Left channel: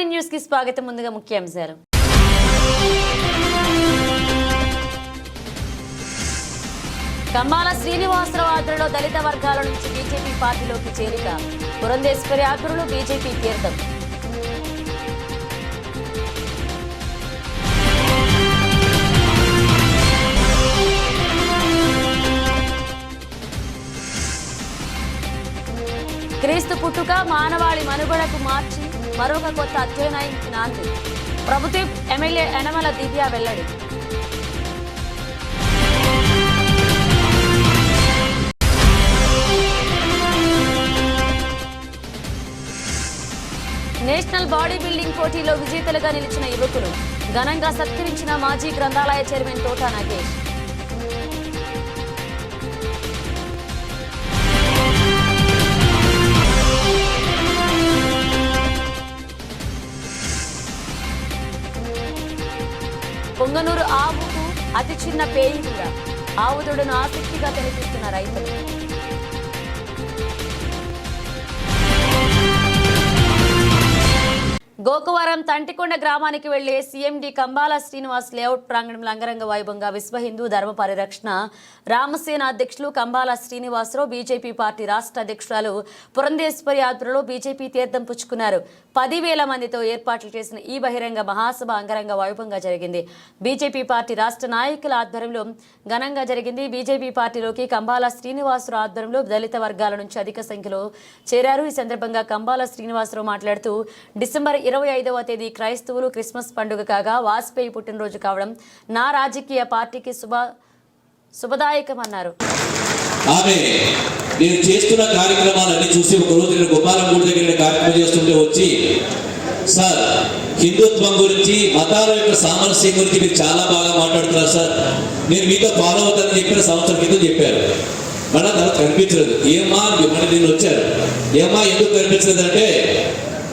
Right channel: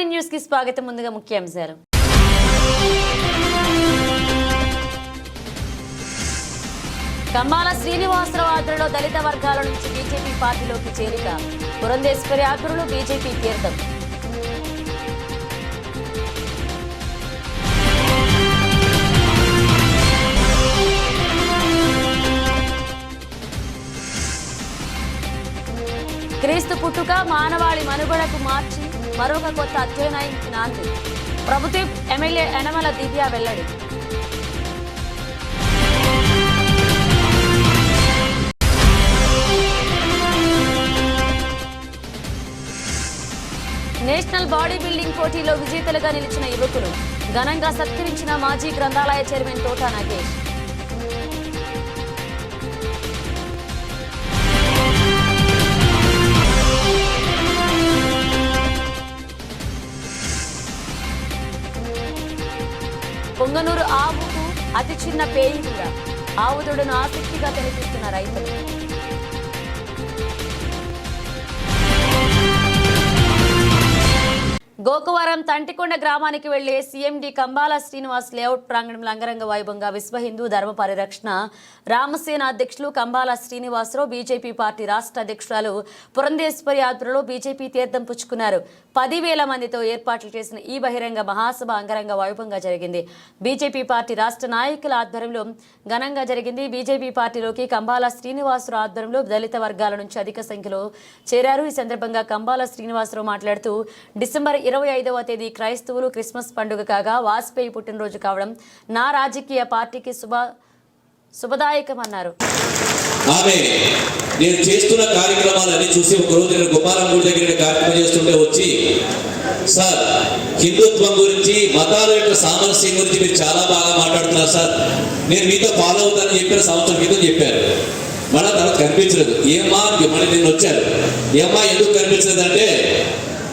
Morning news కి స్వాగతం. ముందుగా ముఖ్యాంశాలు. కంబాల శ్రీనివాసరావు ఆధ్వర్యంలో దళిత వర్గాల నుంచి బీజేపీ పార్టీలోకి చేరిక. పురంధేశ్వరి ఆధ్వర్యంలో బీజేపీ తీర్థం. క్రీస్తు పుట్టుక మానవాళి మనుగడకు మార్చి మరొక కొత్త అధ్యయనానికి నాంది. ప్రభుత్వ ఎమ్మెల్యే యనమల దివ్య వెల్లడి. నేషనల్ బాడీ బిల్డింగ్ పోటీలో విజేతలుగా నిలిచిన యువకులు ఘనంగా సత్కరించిన మాజీ గ్రంథాలయ చైర్మన్ తోట నాగేష్. పొంగనూరు ఆవుకు అతి చిన్న పేయింగుగా ఆవుదొడును ఆసక్తిగా కనిపిస్తున్న రైతులు. గోకవరం తంటికొండ గ్రామానికి వెళ్లే సీఎండి కంబాల శ్రీనివాస్ లేఅవుట్ ప్రాంగణంలో అంగరంగ వైభవంగా విశ్వ హిందూ ధర్మ పరిరక్షణ రామసేన అధ్యక్షులు కంబాల శ్రీనివాసరావు, బీజేపీ పార్టీ రాష్ట్ర అధ్యక్షురాలు పురంధేశ్వరి ఆధ్వర్యంలో బీజేపీ తీర్థం పుచ్చుకున్నారు. 10,000 మందితో ఏర్పాట్లు చేసిన ఈ బహిరంగ మహాసభ అంగరంగ వైభవంగా జరిగింది. బీజేపీ పార్టీ రాష్ట్ర నాయకుల ఆధ్వర్యంలో ఘనంగా జరిగింది. బీజేపీ పార్టీలోకి కంబాల శ్రీనివాసరావు ఆధ్వర్యంలో దళిత వర్గాల నుంచి అధిక సంఖ్యలో చేరారు. ఈ సందర్భంగా కంబాల శ్రీనివాసరావు మాట్లాడుతూ డిసెంబర్ 25వ తేదీ క్రైస్తవులు క్రిస్మస్ పండుగ కాగా వాజ్పేయి పుట్టినరోజు కావడం నా రాజకీయ పార్టీకి శుభదాయకమన్నారు. నేను చేస్తున్న కార్యక్రమాలన్నీ చూసి ఒక రోజు నేను గోపాలంగూడి దగ్గర కార్యక్రమం చేస్తుంటే వచ్చి, సార్ హిందుత్వం గురించి మతాల యొక్క సామరస్యం గురించి మీరు చాలా బాగా మాట్లాడుతున్నారు సార్, నేను మీతో ఫాలో అవుతానని చెప్పిన సంవత్సరం క్రితం చెప్పారు. మన తర్వాత కనిపించలేదు. ఏమా మన నేను వచ్చారు, ఏమా ఎందుకు కనిపించలేదు అంటే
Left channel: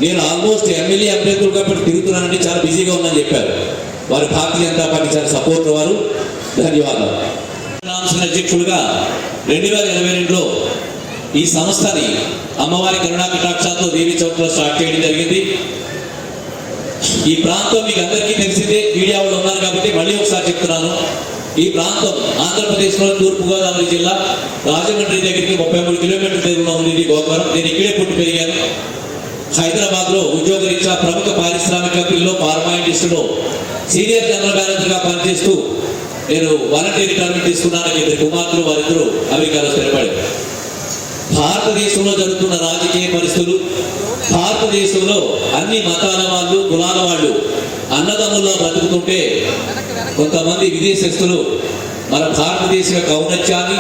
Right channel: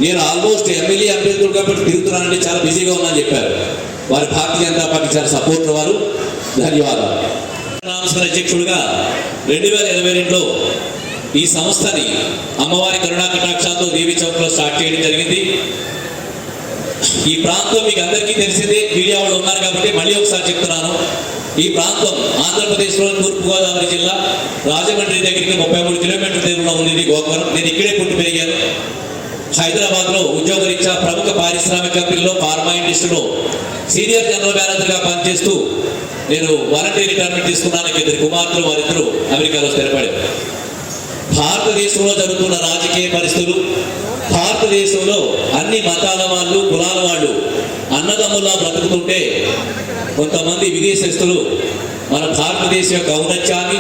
నేను ఆల్మోస్ట్ ఎమ్మెల్యే అభ్యర్థులు కాబట్టి తిరుగుతున్నానంటే చాలా బిజీగా ఉన్నానని చెప్పారు. వారి భారతీయ జనతా పార్టీ చాలా సపోర్ట్ వారు. ధన్యవాదాలు. అధ్యక్షుడిగా 2022లో ఈ సంస్థని అమ్మవారి కరుణా కటాక్షాలతో దేవి చౌక్లో స్టార్ట్ చేయడం జరిగింది. ఈ ప్రాంతం మీకు అందరికీ తెలిసిందే, మీడియా వాళ్ళు ఉన్నారు కాబట్టి మళ్ళీ ఒకసారి చెప్తున్నాను. ఈ ప్రాంతం ఆంధ్రప్రదేశ్లో తూర్పుగోదావరి జిల్లా రాజమండ్రి దగ్గరికి 33 కిలోమీటర్ల దూరంలో ఉంది గోకవరం. నేను ఇక్కడే పుట్టి పెరిగాను. హైదరాబాద్ లో ఉద్యోగరీత్యా ప్రముఖ పారిశ్రామిక కంపెనీలో ఫార్మా ఇండస్ట్రీలో సీనియర్ జనరల్ మేనేజర్ గా పనిచేస్తూ నేను వాలంటీర్ రిటైర్మెంట్ తీసుకున్నాను. 2 కుమార్తెలు, వారిద్దరూ అమెరికాలో స్థిరపడారు. భారతదేశంలో జరుగుతున్న రాజకీయ పరిస్థితులు, భారతదేశంలో అన్ని మతాల వాళ్ళు, కులాల వాళ్ళు అన్నదమ్ములా బ్రతుకుతుంటే కొంతమంది విదేశస్తులు మన భారతదేశం యొక్క ఔన్నత్యాన్ని,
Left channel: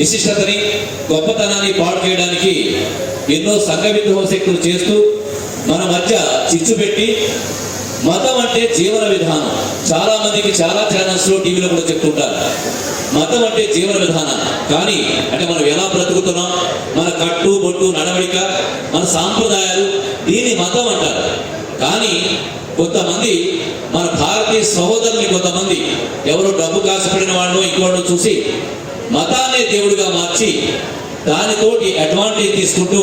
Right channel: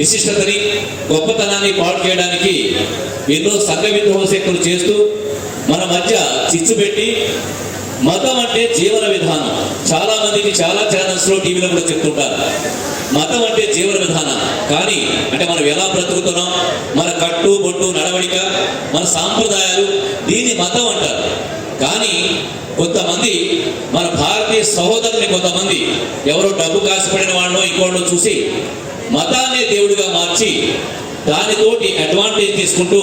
విశిష్టతని, గొప్పతనాన్ని పాడు చేయడానికి ఎన్నో సంఘ విద్రోహ శక్తులు చేస్తూ మన మధ్య చిచ్చు పెట్టి, మతం అంటే జీవన విధానం. చాలా మందికి చాలా ఛానల్స్ లో టీవీలో కూడా చెప్తుంటారు మతం అంటే జీవన విధానం. కానీ అంటే మనం ఎలా బ్రతుకుతున్నాం, మన కట్టు బొట్టు నడవడిక, మన సాంప్రదాయాలు, దీన్ని మతం అంటారు. కానీ కొంతమంది మన భారతీయ సహోదరుని కొంతమంది ఎవరో డబ్బు కాసిపడిన వాళ్ళను ఇంకోళ్ళను చూసి మతాన్నే దేవుడిగా మార్చి దానితోటి అడ్వాంటేజ్ తీసుకుంటూ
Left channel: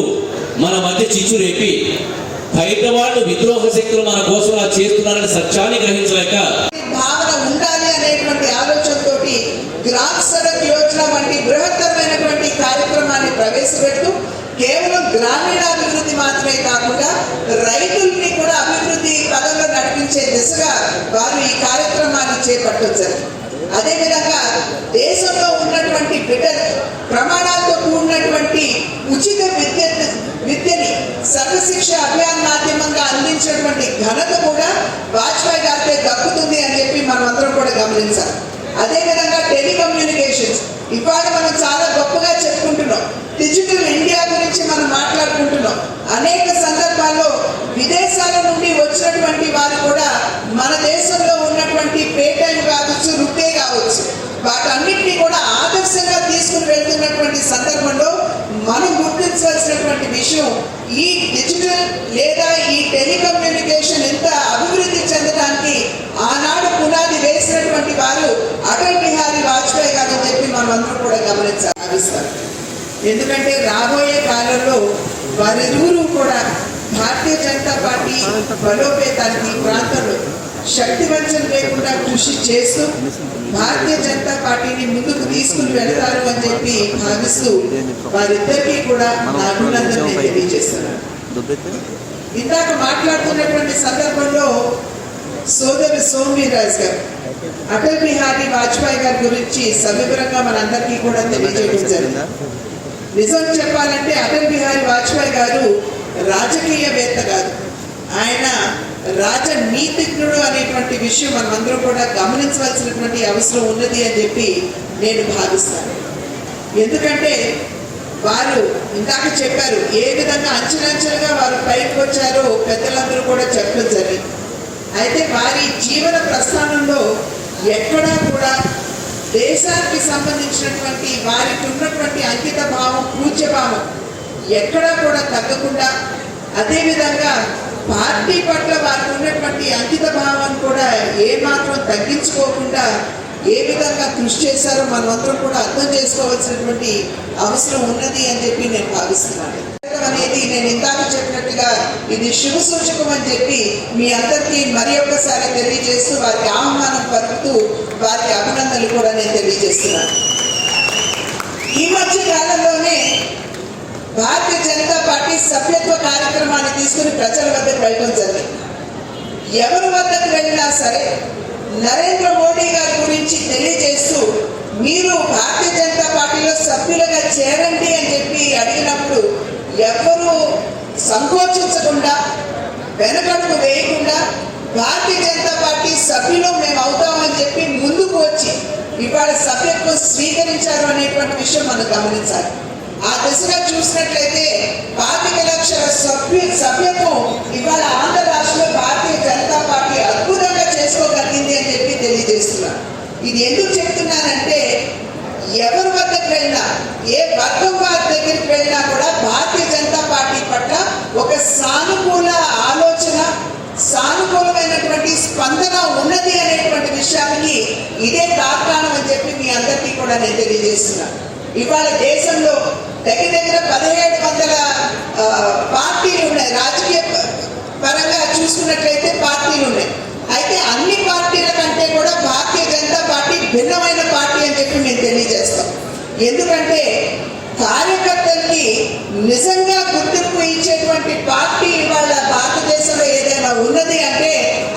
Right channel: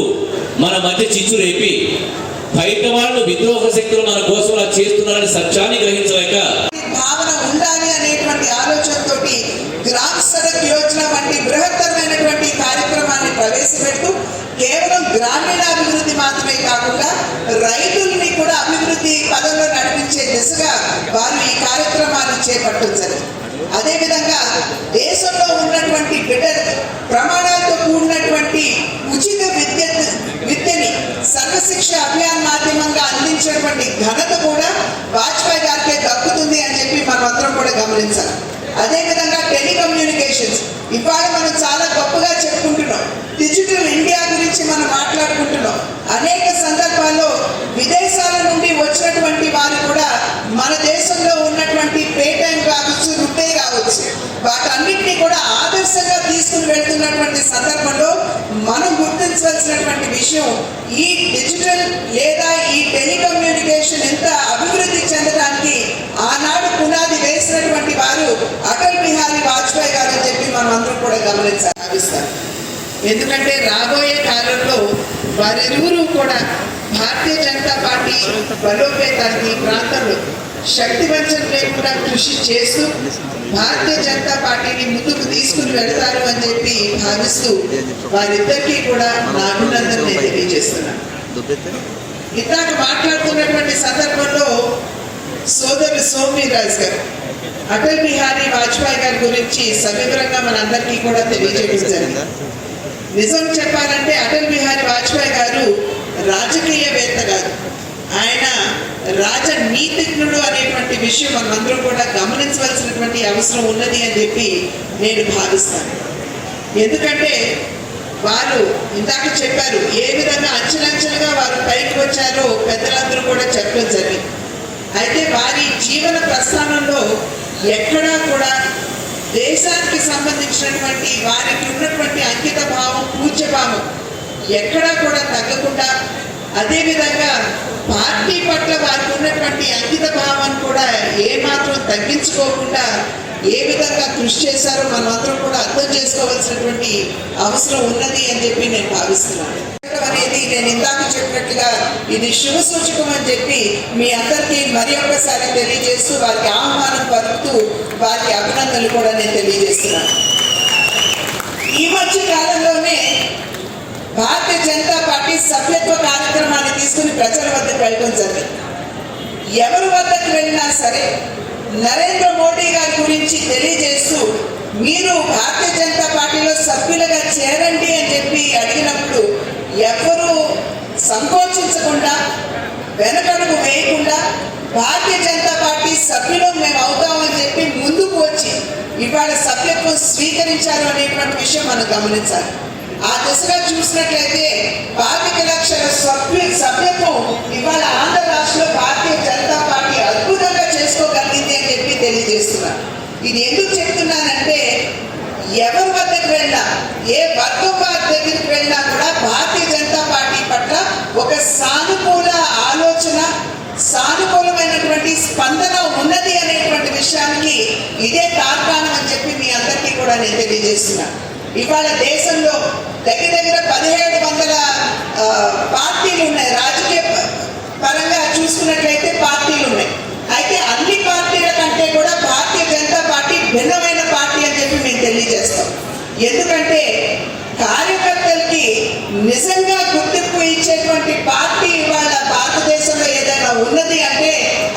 మన మధ్య చిచ్చు రేపి బయట వాళ్ళు విద్రోహ శక్తులు మన కోసం అలా చేస్తున్నారని సత్యాన్ని గ్రహించలేక భావన ఉండాలి అనేటువంటి ఆలోచనతోటి గ్రామ సడక్ యోజన వంటి బృహత్తరమైనటువంటి కార్యక్రమాన్ని ప్రవేశపెడుతూ కేవలం గ్రామీణాభివృద్ధి మాత్రమే కాకుండా రైతుల్ని కూడా అభివృద్ధి పదంలో నడిపించే దిశగా వారు ఈ కార్యక్రమాన్ని చేపట్టించారు. అదేవిధంగా దేశంలో ఉన్నటువంటి బిడ్డలు ప్రమాణాలతో కూడినటువంటి ఉచిత విద్యని సర్వశిక్ష అభియాన్ మాధ్యమంగా అందించినటువంటి ఘనత కూడా వాజ్పేయి గారిపై దక్కుతుంది అని చెప్పి మనం అందరం కూడా గమనించాలి. అదేవిధంగా టెలికమ్యూనికేషన్స్ ఇవాళ మనం చాలా గొప్పగా చెప్పుకుంటున్నాం. డిజిటల్ ఇండియా గురించి మనం మాట్లాడుకుంటున్నాం. అనేక సందర్భాల్లో విదేశాల నుండి వచ్చినటువంటి వారు కూడా మన దేశంలో ఉన్నటువంటి పేటైన్ కావచ్చు, రుపే కావచ్చు, వాటన్నిటినీ కూడా ఆదర్శంగా తీసుకుని వెళ్తున్నటువంటి సందర్భంలో మనం గుర్తించాల్సినటువంటి విషయం, ఈ డిజిటల్ లేదా ఈ టెలికమ్యూనికేషన్ ఎంత అభివృద్ధి చెందడానికి ఆనాడు పునాది వేసినటువంటి వారు అటల్ బిహారీ వాజ్పేయి గారు అని చెప్పి మనం అందరం కూడా గమనించాలి. ఎందుకంటే రాబోయే కాలంలో వారిరువురు కూడా భారతీయ జనతా పార్టీ బలోపేతానికి ప్రాంతంలో శక్తివంచన లేకుండా కృషి చేస్తూ భారతీయ జనతా పార్టీని ముందుకు తీసుకుని వెళ్తారు అని చెప్పి భావిస్తూ వారిద్దరికీ కూడా నా అభినందన నేను తెలియజేస్తున్నాను. ఇందాక మాట్లాడుతున్నటువంటి సందర్భంలో సోదరు సోమవీర్రాజు గారు అటల్ బిహారీ వాజ్పేయి గారి గురించి సవివరంగా మనందరికీ కూడా తెలియజేయడం జరిగింది. నిజం చెప్పాలంటే అటల్ బిహారీ వాజ్పేయి గారు రాజకీయవేత్త గారు, ఆయన రాజనీతిజ్ఞుడు అనేటువంటి విషయం మనమందరం కూడా గమనించవలసినటువంటి అవసరం ఉన్నది అని చెప్పి నేను భావిస్తాను. ఎందుకంటే వారు ఇందాక చెప్పారు ఏ విధంగా అంచెలంచెలుగా వారు పైకి వచ్చారో పెద్దలందరూ కూడా చెప్పడం జరిగింది. అయితే వారి జీవన ప్రస్థానంలో ఎక్కడా కూడా దేశానికి సంబంధించినటువంటి వారికి ఉన్నటువంటి అంకిత భావం, పూజ్య భావం ఎక్కడా కూడా తగ్గకుండా, అదేవిధంగా పార్టీ పట్ల వారికి ఉన్నటువంటి అంకిత భావాన్ని కూడా ఏమాత్రం తగ్గించుకోకుండా ఏ విధంగా కృషి చేశారో మనమందరం కూడా అర్థం చేసుకోవాల్సినటువంటి అవసరం ఉన్నది అని చెప్పి నేను భావిస్తున్నాను. అనేది నేను ఇందాక చెప్పినట్టుగా ఇది శుభ సూచకం అని చెప్పి మీ అందరికీ మరి ఒక్కసారి తెలియజేస్తూ వారికి ఆహ్వానం పలుకుతూ వారికి అభినందనలు కూడా నేను తెలియజేస్తున్నాను. ఈ మధ్య కాలంలోనే భారతీయ జనతా పార్టీ సభ్యత్వ కార్యక్రమాన్ని తీసుకుని ప్రజల వద్దకు వెళ్ళడం జరిగింది. ఎవరి వద్దకు వెళ్ళినా సరే నరేంద్ర మోడీ గారి గురించి తెలియజేస్తూ మీరు భారతీయ జనతా పార్టీలో సభ్యులుగా చేరండి అని చెప్పి అడిగినప్పుడు ఎవరు సంకోచించకుండా, వెనకడుగు వేయకుండా భారతీయ జనతా పార్టీ సభ్యులు మేము అవుతామని చెప్పి ముందుకు వచ్చి ఇవాళ సభ్యత్వం స్వీకరించారు అనేటువంటి విషయం మనం గమనించాలి. ఆ దిశగా చూసినట్లయితే 25 లక్షల సభ్యత్వం ఇవాళ ఆంధ్ర రాష్ట్రంలో భారతీయ జనతా పార్టీ అద్భుతంగా చేసుకోగలిగింది అని చెప్పి తెలియజేస్తున్నారు. ఇది ఎందుకు చెప్తున్నానంటే ఎవరి వద్దకు వెళ్ళినా, ఏ వర్గం వారి దగ్గరికి వెళ్ళినా కూడా భారతీయ జనతా పార్టీ పట్ల ఒక సానుకూల ఆలోచన, సానుకూలమైనటువంటి స్పందన ఉన్నది అనేటువంటి విషయానికి ఇదే కారణం అని చెప్పి మీ అందరికీ కూడా నేను తెలియజేస్తున్నాను. ఇవాళ దేశంలో దగ్గర 1700 పార్టీలు ఉన్నాయి. రాజకీయ పరంగా చూసుకున్నట్లయితే పార్టీలు ఉన్నాయి. అయితే అన్ని పార్టీల కంటే కూడా భారతీయ జనతా పార్టీ భిన్నమైన పార్టీ అని చెప్పి మేము తెలియజేస్తాం. ఎందుకంటే కార్యకర్తలకి నిజంగా గుర్తింపు ఇచ్చేటువంటి పార్టీ ఇవాళ భారతదేశంలో ఏదైనా ఉన్నది అంటే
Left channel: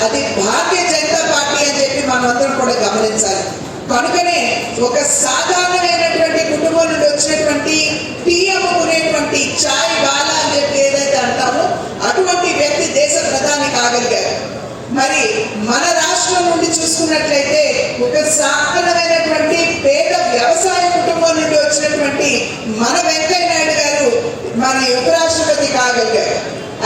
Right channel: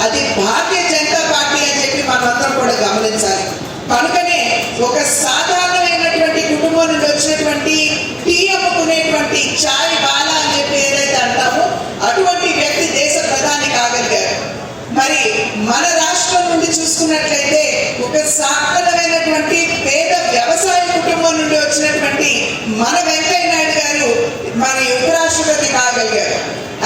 అది భారతీయ జనతా పార్టీ అని చెప్పి మనమందరం కూడా గమనించాలి. కనుకనే ఒక సాధారణమైనటువంటి కుటుంబం నుండి వచ్చినటువంటి టీ అమ్ముకునేటువంటి చాయ్ వాలా అని చెప్పి ఏదైతే అంటామో అటువంటి వ్యక్తి దేశ ప్రధాని కాగలిగారు. మరి మన రాష్ట్రం నుండి చూసుకున్నట్లయితే ఒక సాధారణమైనటువంటి పేద వ్యవసాయ కుటుంబం నుండి వచ్చినటువంటి మన వెంకయ్య నాయుడు గారు మరి ఉపరాష్ట్రపతి కాగలిగారు.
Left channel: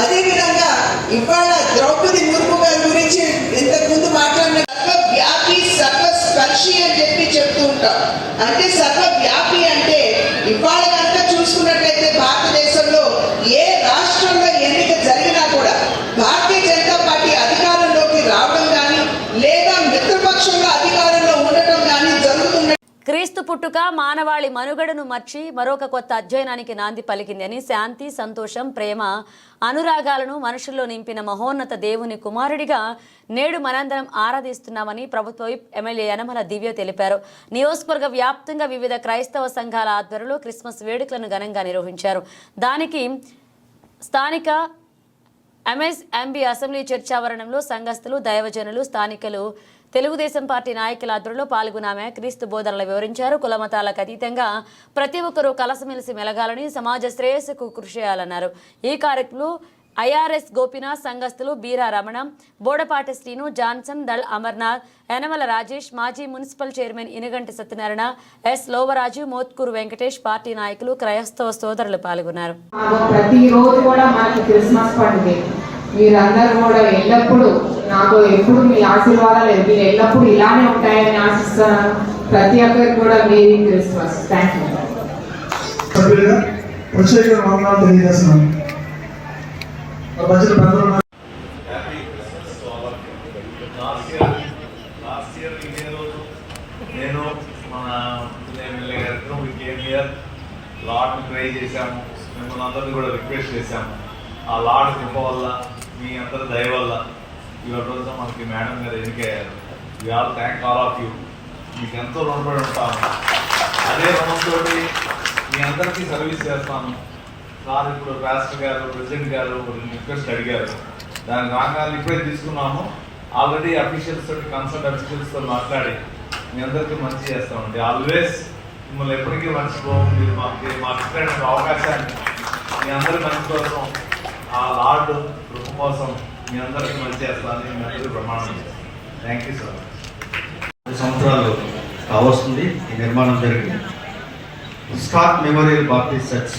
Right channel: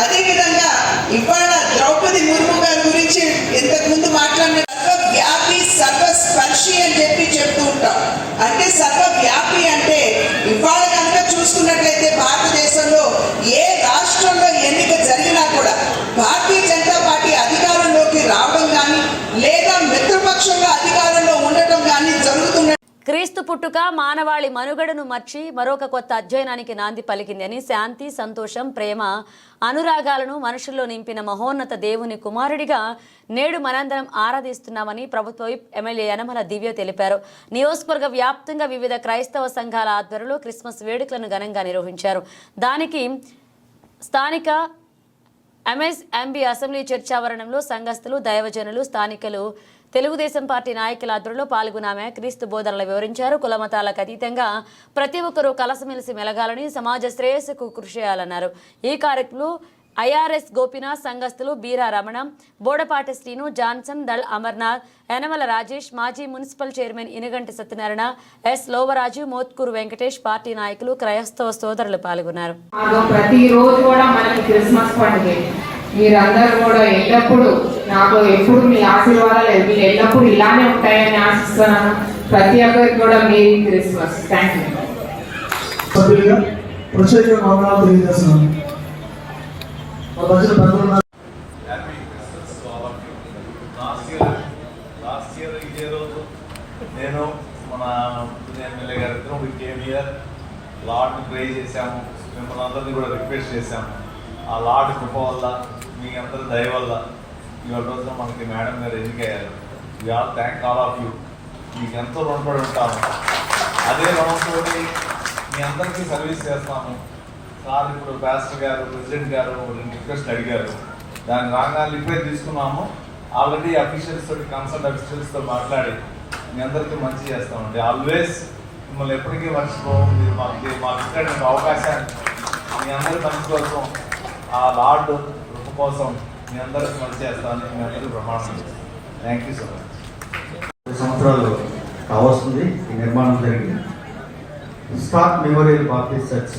అదేవిధంగా ఇవాళ ద్రౌపది ముర్ము గారి గురించి ఇంతకుముందు మాట్లాడిన సర్వవ్యాపి సర్వస్పర్శి అని చెప్పి చెప్తూ ఉంటారు. అంటే సర్వవ్యాపి అంటే ఇవాళ కనుక చూసుకున్నట్లయితే భారతదేశంలో ఏ రాష్ట్రంలో ఎన్నిక జరిగినా కూడా భారతీయ జనతా పార్టీ అధికారంలోకి రావడం కానీ లేదా మిత్రపక్షంగా అధికారంలో ఉండటం కానీ జరుగుతున్న క్రీస్తు పుట్టుక మానవాళి మనుగడను మర్చి మరొక కొత్త అధ్యయనానికి నాంది పలికిందని శాంతి, సంతోషం, ప్రేమ, అనురాగాలను మనుషుల్లో నింపిన మహోన్నత దేవుని కుమారుడిగా నేడు మనందరం ఆరాధిస్తున్నామని ప్రభుత్వ విప్ ఎమ్మెల్యే యనమల దివ్య తెలిపారు. నియోజకవర్గ వ్యాప్తంగా వివిధ క్రైస్తవ సంఘాల ఆధ్వర్యంలో క్రిస్మస్ వేడుకలను ఘనంగా నిర్వహించారు. దానికి స్థానిక ఎంఎస్ఎంబి అసెంబ్లీ చర్చ్ ఆవరణంలో సంఘస్థులు, దైవజనులు, స్థానికులు, తెలుగుదేశం పార్టీ నాయకుల ఆధ్వర్యంలో పాల్గొన్నామే క్రీస్తు బోధనలు వివరించారు. కులమతాలకు అతీతంగా ప్రతి ఒక్కరూ కలసమెలిసి మెలగాలని, సమాజ శ్రేయస్సుకు కృషి చేయాలన్నారు. ఈ కార్యక్రమంలో ఐఆర్ఎస్ గోపీనాథ్, సంఘస్థులు బీరా రమణ, బోడపాటి శ్రీను, జాన్సన్, దళ్ అమర్నాథ్, యనమల రాజేష్, మాజీ municipal chairman Inuganti Satyanarayana, S Lovaraju, Motkuru Venkatesh, party నాయకులు, క్రైస్తవ సోదరులు పాల్గొన్నారు. ప్రతిరోజు కూడా మనకి క్రిస్మస్ పండుగ. మీరందరూ కూడా ఎల్లప్పుడూ నాకు ఎప్పుడు మీ ఆశీర్వాదాలు మీరు ఎల్లప్పుడూ ఇలానే ఉంటాయని ఆశిస్తున్నాను. ప్రతి ఒక్కరికి కూడా మీ క్రిస్మస్. Thank you. నేను మన ఎమ్మెల్యే గారితో లాట్ ప్రే చేశాము. మిమ్మల్ని అందరినీ కూడా రిక్వెస్ట్ చేశాము. ఆ లార్డ్ కృప వల్ల మీ అందరి దయ వల్ల ఇవాళ రోజున మనకి మేడం గారు ఎన్నికయ్యారు. We all thank all of you. మీకు ఎంతో రుణపడి ఉంటాము. అదే రుణంతో మీ అందరికీ సర్వీస్ చేస్తాము. సార్ ఇప్పుడు పాస్టర్ గారు ప్రెసిడెంట్ గారు రిక్వెస్ట్ అడిగారు, దాని రాగాలు ఇప్పుడే తీసుకున్నాము. ఆల్రెడీ అఫీషియల్స్ తోటి కన్సల్ట్ అఫీషియల్స్తో మాట్లాడి మీ అందరికీ మంచి చేస్తామండి. ఆల్వేస్ మిమ్మల్ని ఎప్పటికీ మర్చిపోము. మీరు మాకు ఇచ్చిన అవకాశాన్ని మీ అందరి మంచి కోసం, ఆ లార్డ్ కృప కోసం మీ అందరికీ మంచి చేస్తానని మీ అందరికీ ప్రమాణం చేస్తాను. Thank you so much. సంవత్సరాలు కావస్తుంది ఈ నిర్మాణం జరిగింది. స్కాట్ మెమోరియల్ బాప్టిస్ట్ చర్చ్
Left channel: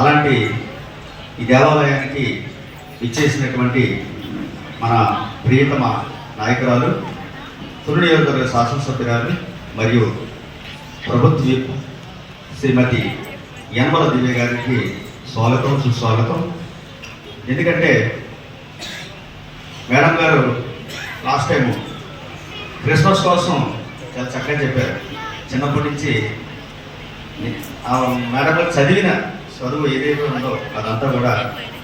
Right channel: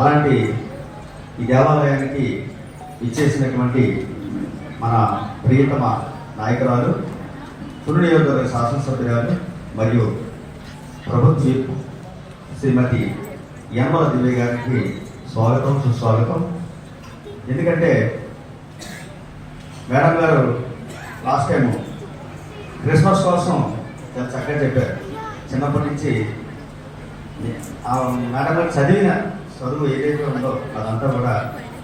అలాంటి ఈ దేవాలయానికి ఇచ్చేసినటువంటి మన ప్రియతమ నాయకురాలు, తుని నియోజకవర్గ శాసనసభ్యురాలు మరియు ప్రభుత్వ విప్ శ్రీమతి యనమల దివ్య గారికి స్వాగతం, సుస్వాగతం. ఎందుకంటే మేడం గారు లాస్ట్ టైం క్రిస్మస్ కోసం చాలా చక్కగా చెప్పారు. చిన్నప్పటి నుంచి ఆ మేడం గారు చదివిన చదువు ఏదైతే ఉందో అదంతా కూడా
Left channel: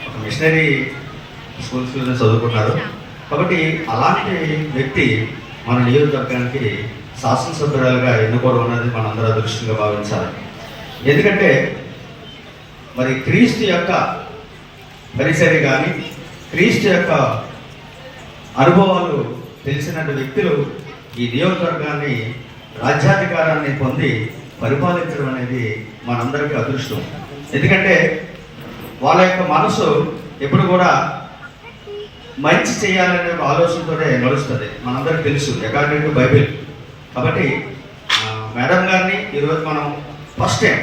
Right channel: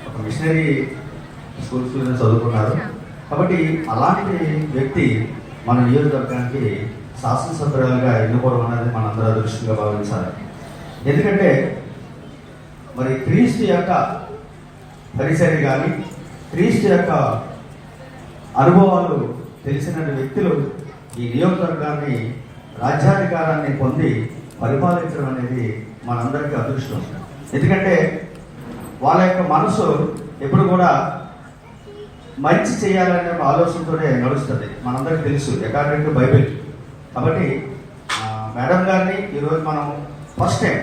ఒక మిషనరీ స్కూల్స్లో చదువుకున్నారు. కాబట్టి అలాంటి వ్యక్తి మన నియోజకవర్గానికి శాసనసభ్యురాలుగా ఎన్నుకోవడం అనేది మనందరూ అదృష్టంగా భావించాలి. ఎందుకంటే మరి క్రీస్తు యొక్క పరిసరి కానీ క్రీస్తు యొక్క అనుభవాలు తెలిసిన వ్యక్తులు ఈ నియోజకవర్గాన్ని రాజ్యాధికారాన్ని పొంది పరిపాలించడం అనేది మనందరికీ అదృష్టం. ఎందుకంటే వాళ్ళ యొక్క మనసు ఎప్పుడు కూడా మంచి చేయాలనే ఒక ఆలోచనతోనే నడుస్తుంది. మనందరికీ తెలుసు అకార్డింగ్ టు బైబిల్. కాబట్టి మేడం గారిని ఈరోజు మనం ఫస్ట్ టైం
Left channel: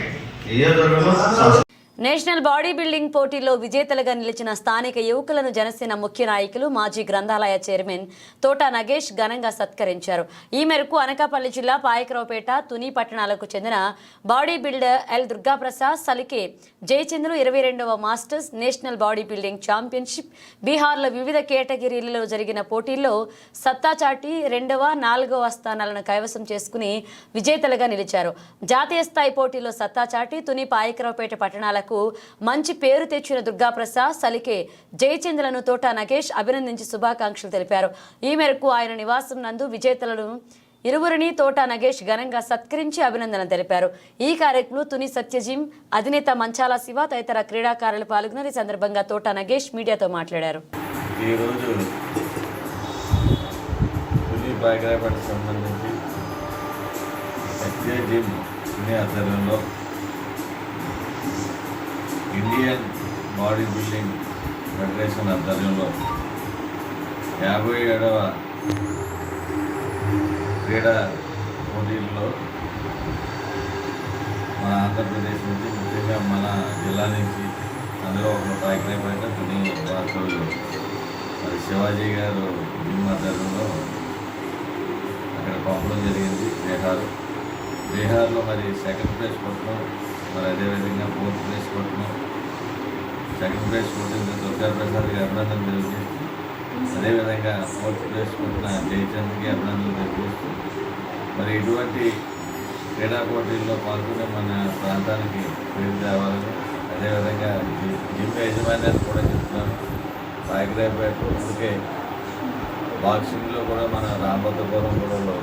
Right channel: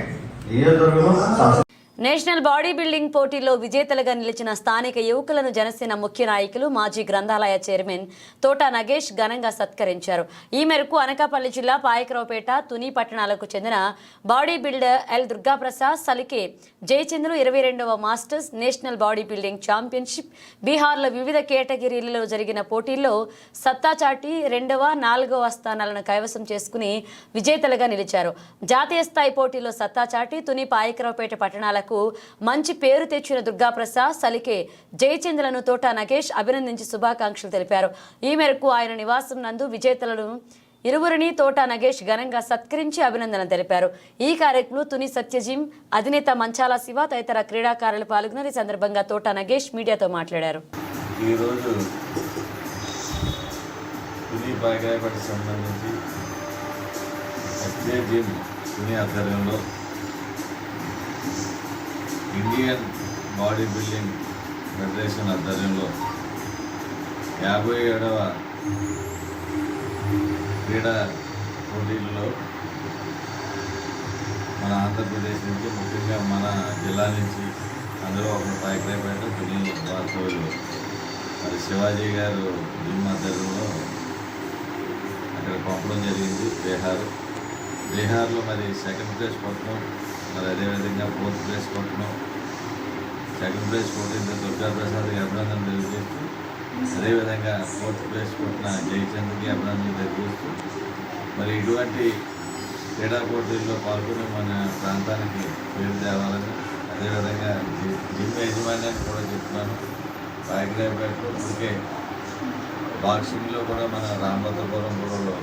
నియోజకవర్గంలో నేషనల్ బాడీ బిల్డింగ్ పోటీల్లో విజేతలుగా నిలిచిన స్థానిక యువకులను జనసేన ముఖ్య నాయకులు మాజీ గ్రంథాలయ చైర్మన్ తోటా నగేష్ ఘనంగా సత్కరించారు. ఈ మేరకు అనకాపల్లి జిల్లా పాయకరావుపేట, తుని పట్టణాలకు చెందిన body builder L Durgaprasad, Salike Jayachandru 22వ masters national body building championship బీహార్లో వివిధ కేటగిరీలలో జరిగిన పోటీల్లో సత్తా చాటి 2వ, 4వ స్థానాలను కైవసం చేసుకుని విజేతలుగా నిలిచారు. జాతీయ స్థాయి పోటీల్లో సత్తా చాటి తుని పాయకరావుపేట పట్టణాలకు మంచి పేరు తెచ్చిన దుర్గాప్రసాద్, సలికే జయచంద్రలను తోటా నగేష్ అభినందించి శుభాకాంక్షలు తెలిపారు. ఈ మేరకు ఆయన నివాసం నందు విజేతలను ఇరువురిని తోటా నగేష్ ఘనంగా సత్కరించి అభినందన తెలిపారు. ఈ కార్యక్రమంలో తుని సత్యజిమ్ అధినేత మంచాల శివ తదితర క్రీడాకారులు పాల్గొన్నారు. ఈ సందర్భంగా తోటా నగేష్ మీడియాతో మాట్లాడారు. ఈరోజు తుని పాయకరావుపేట సంబంధించి సత్యజిమ్ తుని ఆధ్వర్యంలో ఇండియన్ బాడీ బిల్డింగ్ ఫెడరేషన్ ఆధ్వర్యంలో 57వ క్రీడా పోటీల్లో మన ఆంధ్రప్రదేశ్ నుంచి, ముఖ్యంగా మన జిల్లా నుంచి, అందులో ఒకరు పాయకరావుపేట తుని వాసులు మరి శివాజీ గారు జిమ్ ఆధ్వర్యంలో అక్కడ పంపడం జరిగింది. బీహార్లో మరి సెకండ్ ప్లేస్ కొట్టడం, మరి అదేవిధంగా 4th ప్లేస్ కొట్టడం, సెకండ్ ప్లేస్ కొట్టిన దుర్గాప్రసాద్కి అభినందనలు తెలియజేస్తూ, అదేవిధంగా 4th ప్లేస్ కొట్టిన జయచంద్రకి అభినందనలు తెలియజేస్తూ, మరి ఇటువంటి క్రీడా పోటీల్లో పాల్గొని మన ప్రాంతానికి పేరు తేవాలని, అదేవిధంగా జిమ్ యజమాన్యాన్ని కూడా చెప్తున్నాను. పాయకరావుపేట ఇప్పటికే బాక్సింగ్లో కూడా మన రామభద్రపురం గొడవలో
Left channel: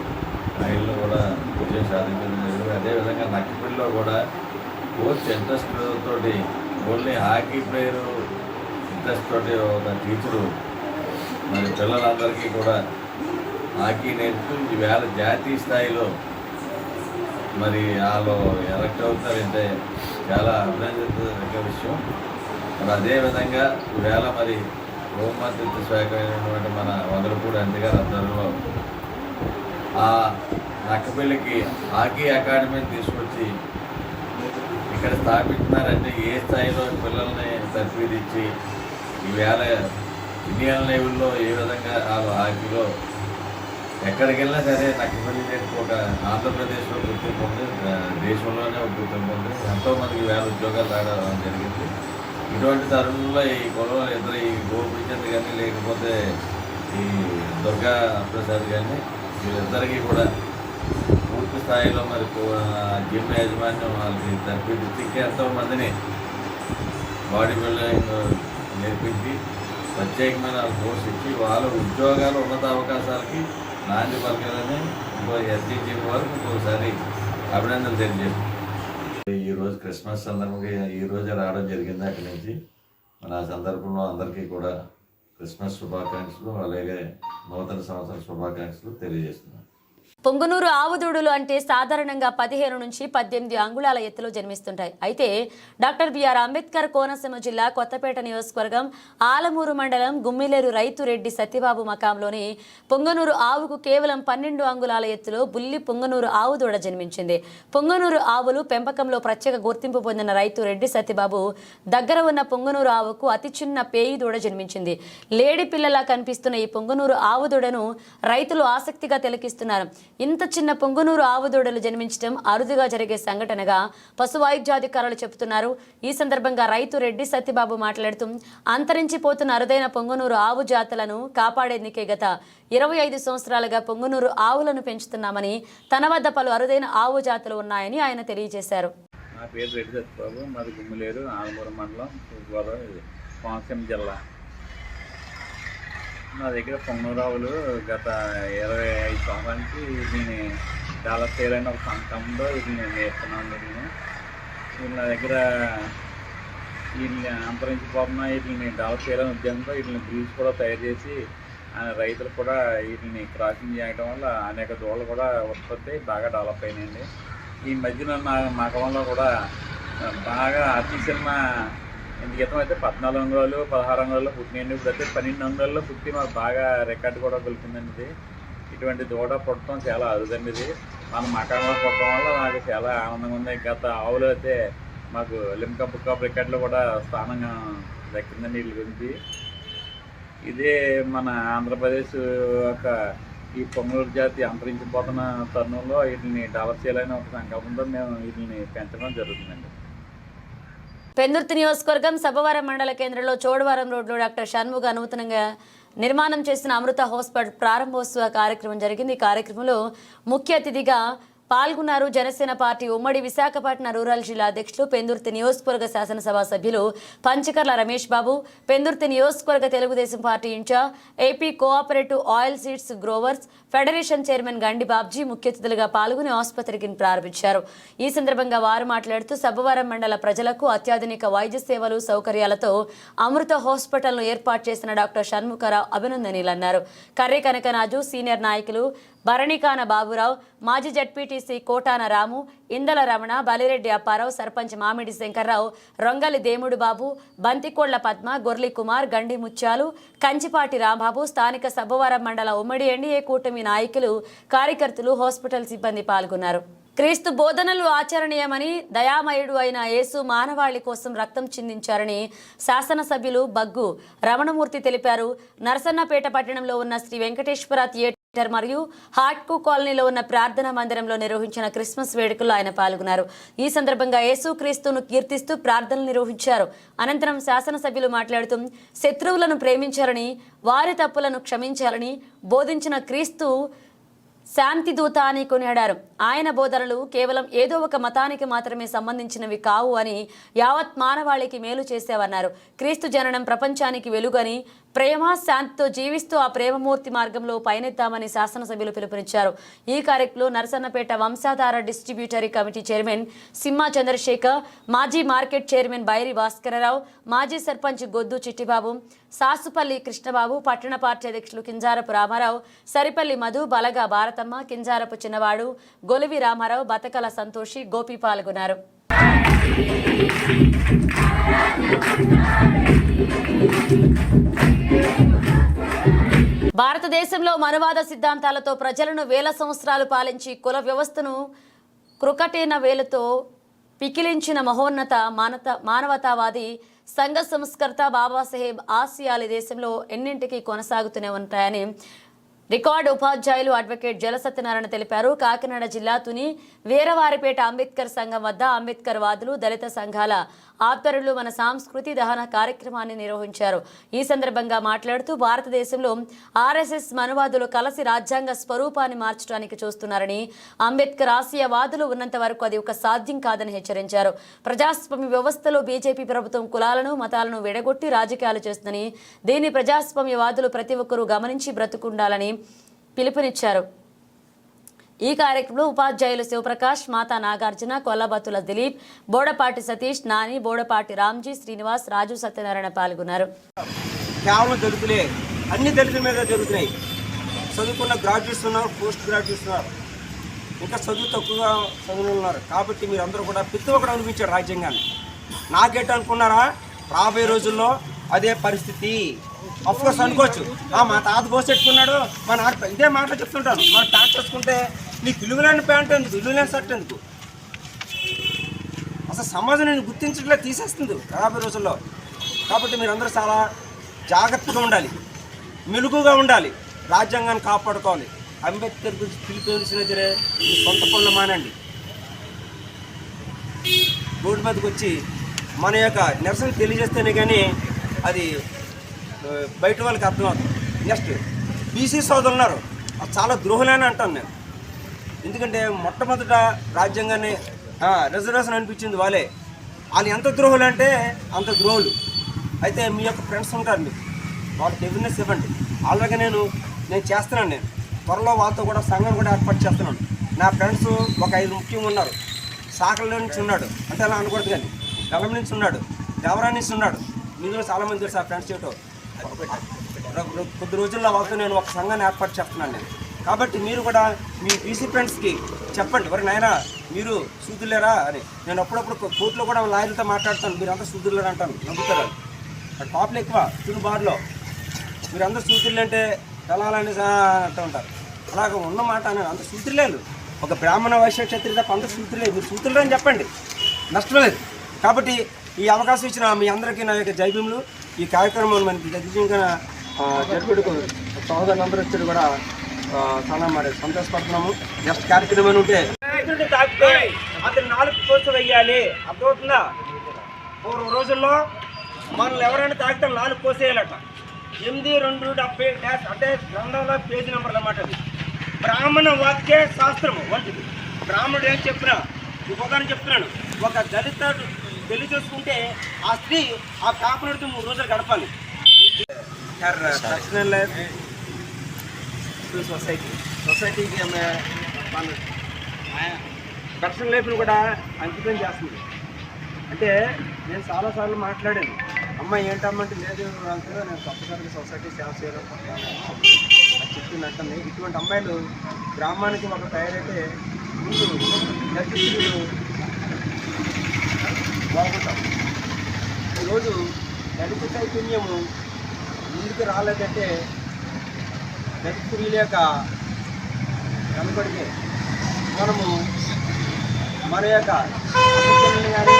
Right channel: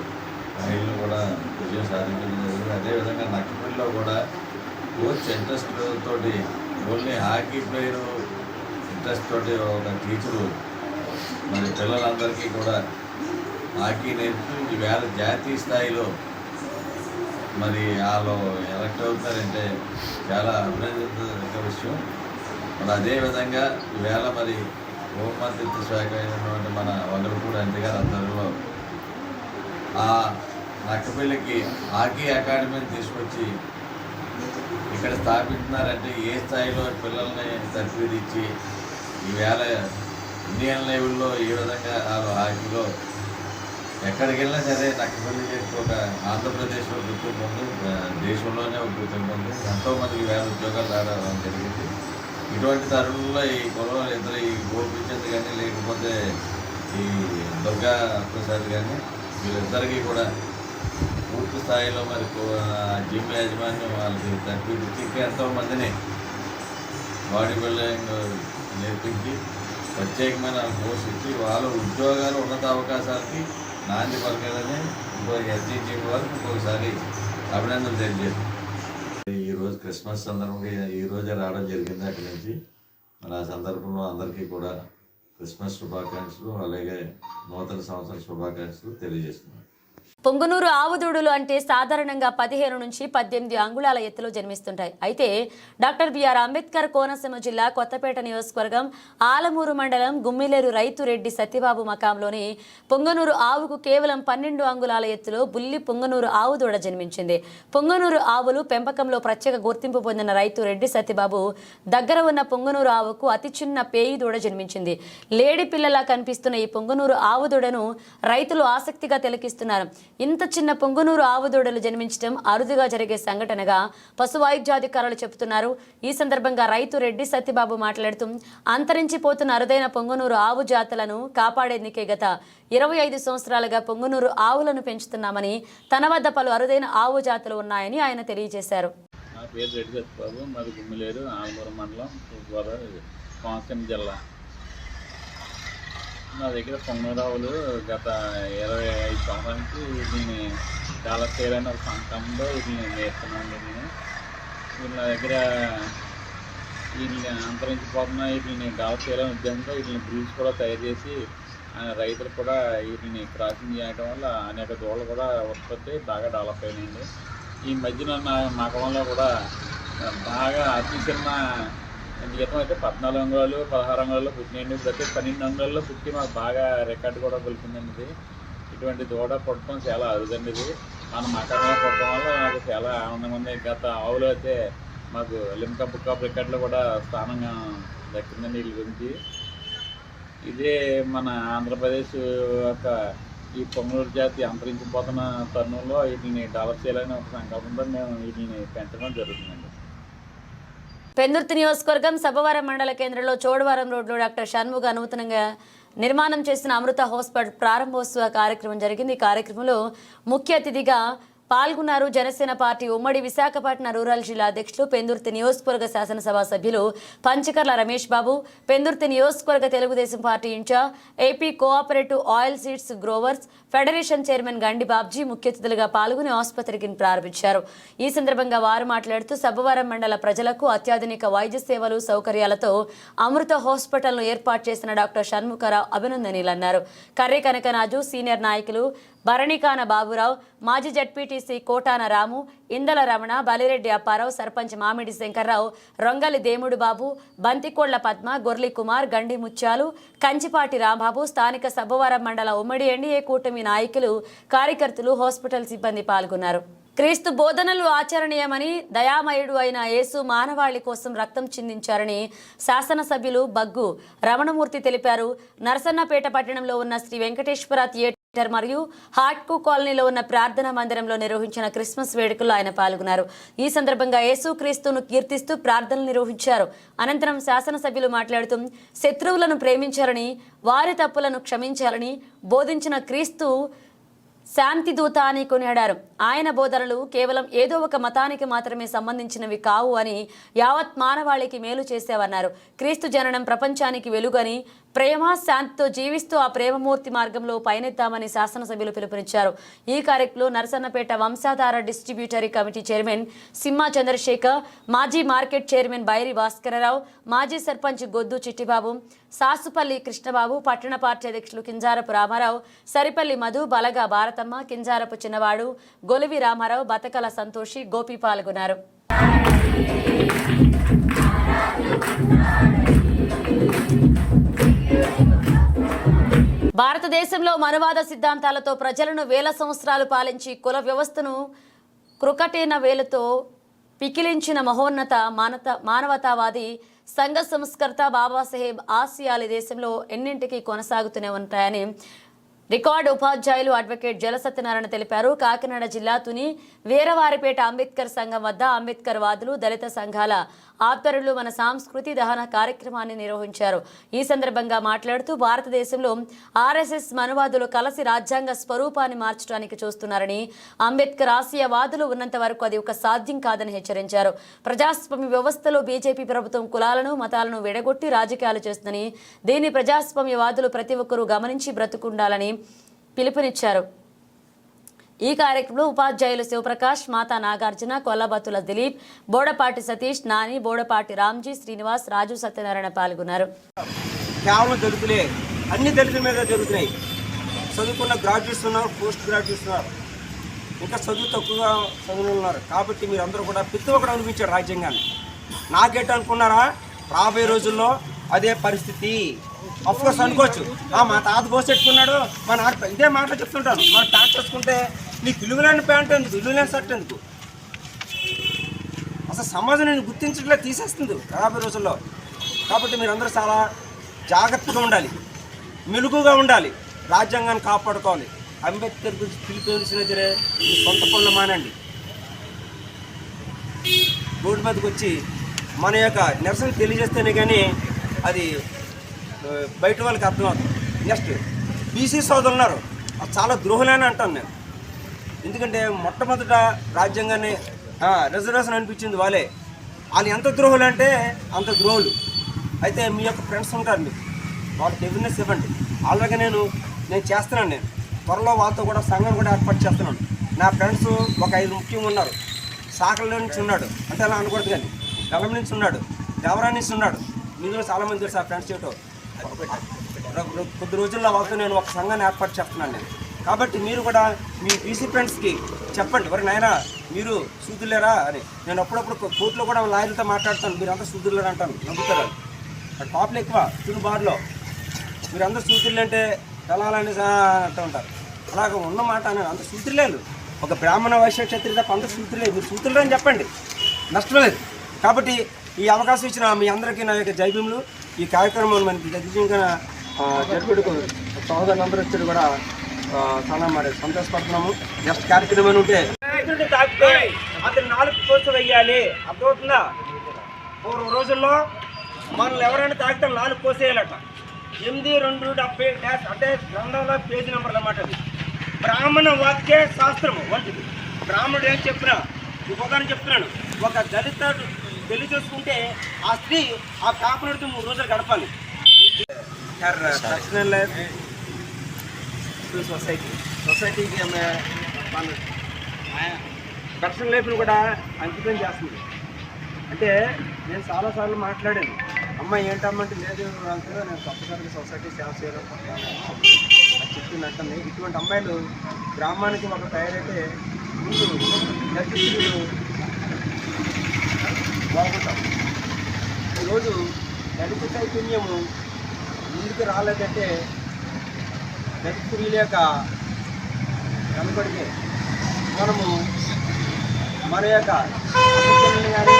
రైళ్ళు కూడా విజయం సాధించడం జరిగింది. అదేవిధంగా నక్కపల్లిలో కూడా కోచ్ ఇంట్రెస్ట్ తోటి, ఓన్లీ హాకీ ప్లేయర్ ఇంట్రెస్ట్ తోటి ఒక టీచరు మరి పిల్లలందరికీ కూడా హాకీ నేర్పుతూ ఈవేళ జాతీయ స్థాయిలో మరి వాళ్ళు ఎలక్ట్ అవుతారంటే చాలా అభినందించదగ్గ విషయం. మరి అదేవిధంగా ఈవేళ మరి హోంమంత్రిత్వ శాఖ అయినటువంటి మన వంగలపూడి అండి గారి ఆధ్వర్యంలో ఆ నక్కపల్లికి హాకీ అకాడమీని తీసుకొచ్చి ఇక్కడ స్థాపించినారంటే ఏ స్థాయిలో పిల్లల్ని తర్ఫీదిచ్చి ఈవేళ ఇండియన్ లెవెల్లో ఏ విధంగా వాళ్ళు హాకీలో ఎక్కడికి వెళ్ళినా సరే నక్కపల్లి ఒక ఆంధ్రప్రదేశ్లో గుర్తింపు ఉంది, దేశంలోనే ఒక గుర్తింపు ఉంది. ఎంతోమందికి వేల ఉద్యోగాలు రావడం జరిగింది. ఇటువంటి తరుణంలో ఈ గొడవలు ఇద్దరు, ఈ గోపిచంద్ కానీ లేకపోతే ఈ దుర్గా ప్రసాద్ కానీ, వీళ్ళిద్దరికీ కూడా పూర్తి స్థాయిలో మరి జిమ్ యాజమాన్యం వాళ్ళకి తర్ఫీదు ఇచ్చి ఎంతోమందిని బాడీ బిల్డింగ్ నేర్పించి ప్రత్యేకమైన కోర్స్ ఇచ్చి వాళ్ళ ఉద్యోగాలు ఉన్నత అవకాశాలకి నాంది పలకాలని ఇంకో ఎస్జీటీ వారికి ఇంకొకసారి అభినందనలు తెలియజేస్తాం. ఈరోజు క్రిస్మస్ సందర్భంగా ఈరోజే రావడం జరిగింది. అక్కడి నుంచి మన ఆ సందర్భంలో అందరికీ కూడా క్రిస్మస్ శుభాకాంక్షలు అలాగే నూతన సంవత్సర శుభాకాంక్షలు తెలియజేస్తున్నాను. పొంగునూరు ఆవుదూడులు అంటే సాధారణంగా 15 నుంచి 18 అంగుళాల ఎత్తులో జన్మిస్తుంటాయి. అయితే డాక్టర్ బిఆర్ అంబేద్కర్ కోనసీమ జిల్లా కొత్తపేట నియోజకవర్గం ఆలమూరు మండలం గుమ్మిలేరు రైతు రెడ్డి సత్యబాబు మకాంలోని పొంగనూరు ఆవుకు కేవలం 12 అంగుళాల ఎత్తులో బుల్లి పొంగనూరు ఆవు దూడ జన్మించింది. పొంగనూరు ఆవులు పెంపకంలో ప్రత్యేక గుర్తింపు పొందిన రైతు రెడ్డి సత్యబాబు దగ్గర ఉన్న పొంగనూరు ఆవుకు అతి చిన్న పేయి దూడ జన్మించింది. లేడి పిల్లలా కనిపిస్తున్న ఈ పొంగనూరు ఆవు దూడను రైతులు ఆసక్తిగా తిలకిస్తున్నారు. ఇంత చిన్న పొంగునూరు ఆవు దూడలు జన్మించడం అరుదుగా జరిగే సంఘటనగా పశు వైద్యాధికారులు చెబుతున్నారు. ఈ సందర్భంగా రైతు రెడ్డి సత్యబాబు మాట్లాడుతూ అంతరించిపోతున్న అరుదైన పొంగునూరు ఆవు జాతులను కాపాడేందుకే గత 25 సంవత్సరాలుగా పొంగునూరు ఆవులను పెంచుతున్నామని, తన వద్ద పలు అరుదైన ఆవు జాతులు ఉన్నాయని ఆయన తెలియజేశారు. నా పేరు రెడ్డి సత్యబాబు, మాది గుమ్మిలేరు ఆలమూరు మండలం తూర్పుగోదావరి కోనసీమ జిల్లా. నా దగ్గర పొంగనూరు ఆవులు గత 25 సంవత్సరాల నుంచి వీటిని డెవలప్ చేయాలని ఒక సంకల్పంలో వీటిని నేర్చుకున్నాను. వీళ్ళు నా దగ్గర వీటిని అంతరించిపోతున్న వీటిని డెవలప్ చేయాలని ఉద్దేశంతో వీటిని బ్రీడ్స్ కూడా తయారు చేసి రైతులు కూడా వీటిని క్రాసింగ్ చేయడం వల్ల అనేక దూడలు కూడా ఉత్పత్తి బాగా డెవలప్ అయినాయండి. ఈ మధ్యన నా మగంలో కూడా బాగా అతి చిన్న గీతం అయితే 14 అంగుళాలు 16 అంగుళాల్లో పుట్టినాయండి. ఇప్పుడు అయితే 12 అంగుళాల్లో పుట్టి మాకు బాగా రికార్డు కూడా గెలిపిందండి. ఇది ఇటువంటి దూడ పుట్టడం చాలా అరుదండి. ఇది మన మకాంలో పుట్టడం వల్ల నాకు చాలా ఆనందంగా ఉంది. గత ఆవులు అయితే మాకు లిమ్కా బుక్ ఆఫ్ రికార్డులో కూడా స్థానంగా దక్కిందండి వీళ్ళ గురించి. ఇదే మన ఆంధ్రప్రదేశ్ యొక్క ఈ పొంగనూరు జాతి అంతరించిపోతున్న తరుణంలో వీటిని డెవలప్ చేయాలని ఒక సంకల్పంతో మేము వీటిని పెంచడం జరుగుతుందండి. పెందుర్తి నియోజకవర్గం సభవరం మండల కేంద్రంలో చోడవరం రోడ్లో డాక్టర్ షణ్ముగ నూతనంగా నిర్మాణం చేసిన అమృత హాస్పిటల్ ప్రారంభోత్సవ కార్యక్రమం జరిగింది. ఈ కార్యక్రమంలో ముఖ్య అతిథిగా పాల్గొన్నారు జనసేన పార్టీ ఉమ్మడి విశాఖపట్నం రూరల్ జిల్లా అధ్యక్షులు, పెందుర్తి నియోజకవర్గ శాసనసభ సభ్యులు పంచకర్ల రమేష్ బాబు, పెందుర్తి నియోజకవర్గ Telugu Desam party incharge, AP cooperative oil seeds growers federation chairman Gandi Babji ముఖ్య అతిథులుగా పాల్గొని ఆసుపత్రికి ప్రారంభించారు. ఈ సందర్భంగా వారు మాట్లాడుతూ సబ్బవరం మండల ప్రజలకు అత్యాధునిక వైద్య సేవలు సౌకర్యాలతో అమృత హాస్పిటల్ను ఏర్పాటు చేసిన డాక్టర్ షణ్ముఖరావు అభినందనీయులన్నారు. కర్రీ కనకరాజు, సీనియర్ నాయకులు భరణికాన బాబురావు, మాజీ జడ్పీటీసీ కోటాన రాము, ఇందల రమణ, బలిరెడ్డి అప్పారావు, సర్పంచ్ మామిడి శంకర్రావు, రొంగలి దేముడు బాబు, బంతికోళ్ల పద్మ, గొర్లి కుమార్, గండి ముత్యాలు, కంచిపాటి రాంబాబు, స్థానిక సబ్బవరం మండల ఉమ్మడి ఎన్డీఏ కూటమి నాయకులు, కార్యకర్తలు, హాస్పిటల్ సిబ్బంది పాల్గొన్నారు. క్రీస్తు బోధనలు ఆచరణీయమని, దయామయుడు అయిన యేసు మానవాళి కోసం రక్తం చిందించారని శాసనసభ్యులు బగ్గు రమణమూర్తి తెలిపారు. నరసన్నపేట పట్టణంలో ఉన్న శ్రీ వెంకటేశ్వర థియేటర్ మరియు హాట్కు కాలనీలో ఉన్న ప్రార్థనా మందిరంలో నిర్వహించిన క్రిస్మస్ వేడుకల్లో ఆయన పాల్గొన్నారు. ఈ సందర్భంగా యేసు క్రీస్తును కీర్తిస్తూ ప్రార్థనలు నిర్వహించారు. అనంతరం శాసనసభ్యులు మాట్లాడుతూ శత్రువులను ప్రేమించాలని, వారి తప్పులను క్షమించాలని బోధించిన క్రీస్తు శాంతి దూత అని కొనియాడారు. ఆయన బోధనలు కేవలం ఏదో ఒక మతానికి మాత్రమే సంబంధించినవి కావు అని, యావత్ మానవాళికి మేలు చేసేవన్నారు. క్రీస్తు జననం ప్రపంచానికి వెలుగని, ప్రేమ శాంతితో జీవిస్తూ ఆ ప్రేమమూర్తి మార్గంలో పయనిద్దామని శాసనసభ్యులు పిలుపునిచ్చారు. ఈ కార్యక్రమంలో నరసన్నపేట వంశాధార డిస్ట్రిబ్యూటరీ కమిటీ చైర్మన్ సింహ చంద్రశేఖర్, మాజీ మార్కెట్ చైర్మన్ బైరి భాస్కరరావు, మాజీ సర్పంచ్ గొద్దు చిట్టిబాబు, సాసుపల్లి కృష్ణబాబు, పట్టణ పార్టీ అధ్యక్షులు కింజారపు రామారావు, సరిపల్లి మధు, బలగా భారతమ్మ, కింజారపు చిన్నవాడు, గొలివి రామారావు, బతకల సంతోషి, గోపి పాల్గొన్నారు. భారతదేశంలో మనువాద సిద్ధాంతాలతో ప్రజలను వేల సంవత్సరాలు పాలించి కుల వ్యవస్థను క్రుకటేన వేలతో పికిలించిన మహోన్నత మానవతావాది సంఘ సంస్కర్త బాబాసాహెబ్ ఆశయాలు దేశంలో ఎన్నింటికీ కొనసాగుతూనే ఉంటాయని రికార్డు ఉపాధ్యాయులు అడ్వకేట్ జల సత్యనారాయణ తెలిపారు. కాకినాడ జిల్లా తుని వీరవారిపేట అంబేద్కర్ సంఘం వద్ద అంబేద్కర్ వాదులు, దళిత సంఘాల ఆధ్వర్యంలో మన సంస్కృతి దహన కార్యక్రమాన్ని నిర్వహించారు. ఈ సందర్భంగా మాట్లాడుతూ భారతదేశంలో ఆర్ఎస్ఎస్ మనువాదులు కలిసి రాజ్యాంగ స్వరూపాన్ని మార్చడానికి చూస్తున్నారని, అంబేద్కర్ ఆశయవాదులు ఉన్నంత వరకు అది ఒక సాధ్యం కాదని హెచ్చరించారు. ప్రజాస్వామ్య వ్యవస్థలో బీజేపీ ప్రభుత్వం కులాలను, మతాలను విడగొట్టి రాజకీయాలు చేస్తుందని, దీన్ని ప్రజాస్వామ్యవాదులు ప్రతి ఒక్కరూ గమనించి బ్రతుకుండాలని పిలుపునిచ్చారు. ఈ కార్యక్రమంలో ఉపాధ్యాయులు శివప్రకాష్, మాతా నాగార్జున, కొల్లబత్తుల దిలీప్, బోడపాటి సతీష్, నాని, బోడపాటి రామ్జీ, శ్రీనివాస్, రాజు, సత్యనారాయణ పాల్గొన్నారు. కేవలం దళితులే, అన్ని దళితుల మీద జరుగుతున్నాయి. చదువుకున్న గ్రాడ్యుయేట్స్ ఉన్నారు, పోస్ట్ గ్రాడ్యుయేట్స్ ఉన్నారు, ఇంకా చదువు తక్కువగా చదువులు ఉన్నారు. కాబట్టి మీరు అందరూ కూడా ప్రతి ఒక్కరు అనిపించారు రాజ్యాంగాన్ని. నాకేట అనుకున్నారా, రాబోయే రోజుల్లో అదే పరిస్థితి. అఫ్కోర్స్ అనుకోవచ్చు, మా తాత పోసెట్టుకున్నాడు, మా నాన్న ఇదే మాటలు చెప్తుంటాను. మనం ప్యాంట్ వేసుకుంటే నీకు విలువలేని ప్యాంట్ ఎందుకు, విలువలేని షర్ట్ ఎందుకు? అసలు సమాజం నేను గుర్తించట్లే, తీసేస్తుంది రాబోయే రోజుల్లో. కాబట్టి మీరందరూ చాలా జాగ్రత్తగా ఉండాలి, మెలుగుగా ఉండాలి, రాజ్యాంగాన్ని కాపాడుకోవాలి. అంబేద్కర్ గురించి పిలిపిలిసిన సరే మీ సొంత పనులు మానండి. రోడ్డు మీదకి వచ్చి మన యొక్క నిరసన తెలియజేస్తేనే కానీ అది బయట వాళ్ళకి అర్థమవుతుంది. నెక్స్ట్ బీసీ సోదరులు ఉన్నారు, అది చాలా ద్రోహులని అంటాను నేను. ఎందుకంటే మొట్టమొదట రాజ్యాంగాన్ని రిజర్వేషన్ అనిపించింది వాళ్ళే. వాళ్ళు ఎంత ద్రోహులు అంటే అంత ద్రోహులు. అయితే మీ యొక్క ఫ్రెండ్స్ ఉంటారు, మీకు వాళ్ళకి అవేర్నెస్ ఇవ్వండి. అలాగే నేను చేస్తున్నాను. నేను త్వరలో వాళ్ళతో కూడా సంఘం కూడా ఏర్పాటు చేస్తున్నాను. నా ఫ్రెండ్స్ ఒక 5 ముఖ్యంగా ఉన్నారు. సాకల నుంచి ఉన్నాడు, అంటే అలా అనకూడదు కానీ గలం నుంచి ఉన్నాడు, దేవరా నుంచి ఉన్నాడు. మీలో చాలామంది తెలుసు ఆ ఫ్రెండ్స్ చేయటం. కొద్ది రోజుల్లో వాళ్ళతో నేను ఒక సంఘాన్ని ఏర్పాటు చేస్తున్నాను నేను. కాబట్టి మీరు కూడా మీ బీసీ ఫ్రెండ్స్కి చెప్పండి, మరి నాయన మీరు సూదులేరా అని. నేను అప్పుడప్పుడు కోర్టులో కూడా లాయర్లతో మాట్లాడతాను, మీరు అంతా సూదులేరా అంటాను, నమ్ముతారు. అక్కడ పాపలు ఎక్కువ తుని బార్లో, మీరు అందరూ సూదులు అంటే తెలాలని అంటూ ఉంటారు. అలాగ ఉన్నమాట అని అంత సూతులేలు. ఒక బ్రాహ్మణ వైశ్య క్షత్రియ తప్ప అందరూ సూతులేదు. మీరు సూతులు అని చెప్పండి, నష్టం లేదు. కాబట్టి ఈ అవకాశం ఇచ్చిన మీ అందరికీ నా యొక్క జైభీములు. ఈ కార్యక్రమం మనకి దిగ్విజయంగా జరుపుడుకు సహోదరులందరూ వచ్చి కూడా చాలా మరి సంతోషపడుతున్నాము. నెక్స్ట్ కార్యక్రమం ఉంటే తాకితే అతను 4 కోర్సులు వేయాలి, అర్థమవుతుందా? పూర్వ రోజుల్లో మనల్ని ఎవరైనా తాకితే 4 కోసేయాలట. 8-2-70 అంటే గ్రంథంలో పేజీ నెంబర్ అన్నమాట. అది బ్రాహ్మణ వాక్య శాస్త్రము వంటిది. బ్రాహ్మణుడు ఏం చెప్పినా ఉదాహరణ చెప్తున్నాను, ఒక దళిత పెళ్లి చేసుకుంటే ఆ స్త్రీ ఆ కాపునడితో 3 రోజులు గడపాలి. పర్సనల్ లైఫ్ సొసైటీకి మన పర్సనల్ లైఫ్ను కూడా అంకితం చేస్తుంది. అంటే నేను చాలాసార్లు మాట్లాడాను, అమ్మాయి ఏంటమ్మంటే లేదు అంటే నేను తప్పనిసరిగా సొసైటీ సేవ చేయాలనుకుంటున్నాను అది చెప్పింది అంటుంది. ఇటువంటి అమ్మాయిలు గ్రామానికి ఒక తయారైతే ముందు దళితులు బాగుంటాం. ఈరోజు దళిత చైతన్యము ముందుకు రాలేదంటే దళిత స్త్రీల యొక్క కనబడితే మనము మన యొక్క అమ్మని కానీ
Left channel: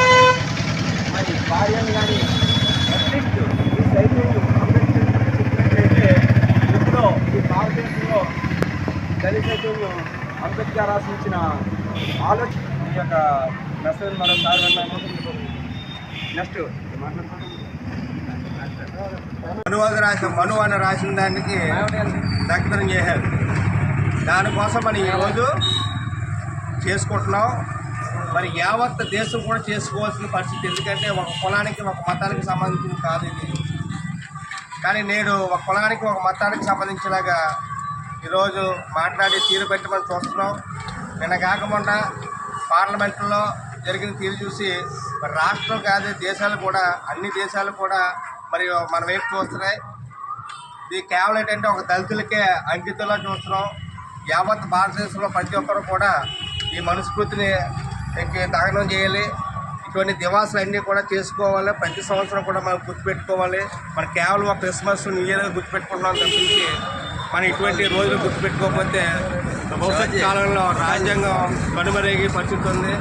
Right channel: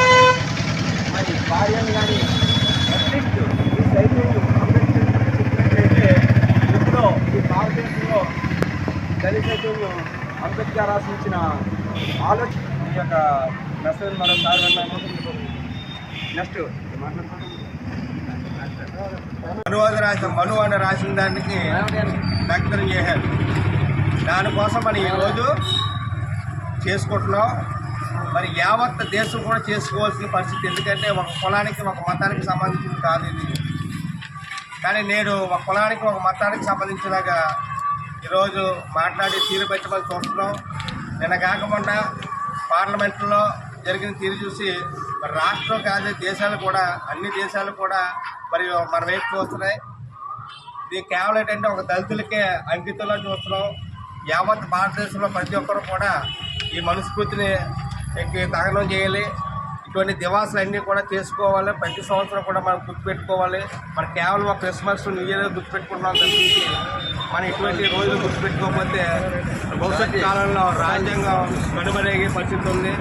మరి భార్యను కానీ అట్లీస్ట్ ఈ చైతన్యం అంబేద్కర్ చెప్పినట్లయితే ఎప్పుడో ఈ భారతదేశంలో దళిత చైతన్యం అంబేద్కర్ రాసించిన ఆలోచన ఈ యొక్క మెసేజ్ మరోసారి విన్నాము. నెక్స్ట్ మనువాద రాసిన దానికి దగ్ధం చేశారు. దానికోసం మనం ఈరోజు చేసుకుంటున్నాం. మరి యావత్ దేశం కూడా చేసుకోవాల్సిన పరిస్థితి. ఎందుకంటే ఒక కులానికి ఒక మతానికి సంబంధించింది కాదు ఇది. కానీ నేడు ఒక కులానికి ఒక మతానికి సంబంధించినగా ఈరోజు మాట్లాడి తీరు పెట్టమని చూస్తున్నాం. నిన్న కాకుండా పార్లమెంట్లో జరిగిన తీరు చూసి మరి రాష్ట్రం కాదు దేశాలు కూడా, అన్ని దేశాలు కూడా మరి మన వైపు చూస్తున్నాయి. ఇది కేవలం ఏంటంటే ఒక దళితులకే అంకితంలో చూస్తున్నాం. యావత్ భారతదేశంలో ప్రతి ఒక్కరు కూడా ఈ మనుస్మృతిని దహనం చేయాలి. ఇటువంటి దివాసులు అన్నీ కూడా చేసుకోవాలి. ప్రతి సంవత్సరం కూడా మనం గుర్తుపెట్టుకోవాలి. మనం కేవలం ఒక క్రిస్మస్ న్యూ ఇయర్ గుర్తుపెట్టుకుంటున్నాం తప్పించి మనం ఇటువంటి రోజులు గుర్తుపెట్టుకోకపోతే భవిష్యత్ కాలంలో రాజ్యాంగం కనుమరుగే పరిస్థితి ఉంది.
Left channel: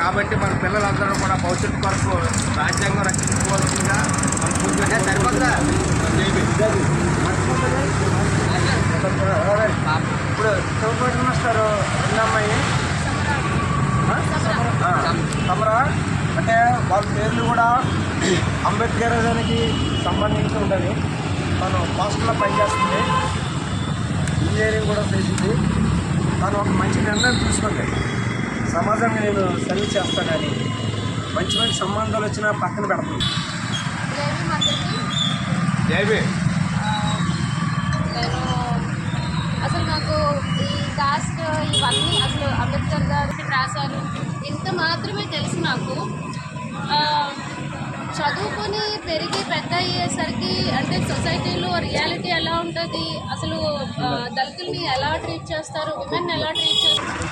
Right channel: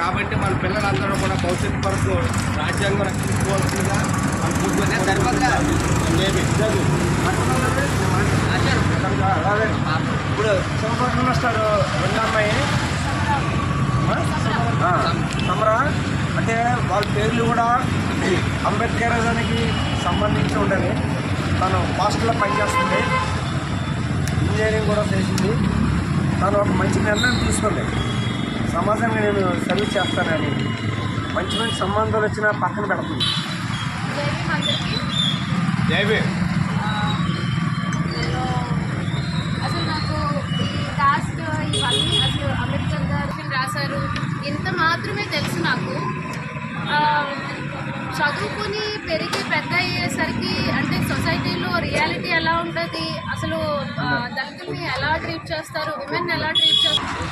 కాబట్టి మన పిల్లలందరూ కూడా భవిష్యత్తు వరకు రాజ్యాంగం రక్షించుకోవాల్సిందిగా మన పూర్తిగా అదే ఇప్పుడు చదువుకున్న మినిస్టర్ ఎన్నమ్మాయి సమరా అంటే వాళ్ళ పేర్లు కూడా అంబేద్కర్ దానికి సంబంధించి ఉండేవి. తను హాస్టల్లో పనిచేస్తుంది, ఇంజనీరింగ్ కూడా చేసింది. తను ఒక మంచి నిర్ణయం తీసుకుంది, సమాజానికి నేను సర్వీస్ చేస్తానని. మంచి మంచి సంబంధాలు వచ్చినా పక్కన పెడుతుంది. అసలు నాకు ఈ కాస్ట్ ఇవన్నీ అసలు అంబేద్కర్ గారు రాశారు ఇంత మాత్రమే తెలుసు నాకు. చదువుకుని పెరిగి పెద్ద అయ్యేసరికి అంటే సొసైటీలో రియాలిటీ ఎలా ఉంటుంది, అసలు దళితుల్ని ఎలా ట్రీట్ చేస్తారు, విమెన్ ఎలా ట్రీట్ చేస్తారు,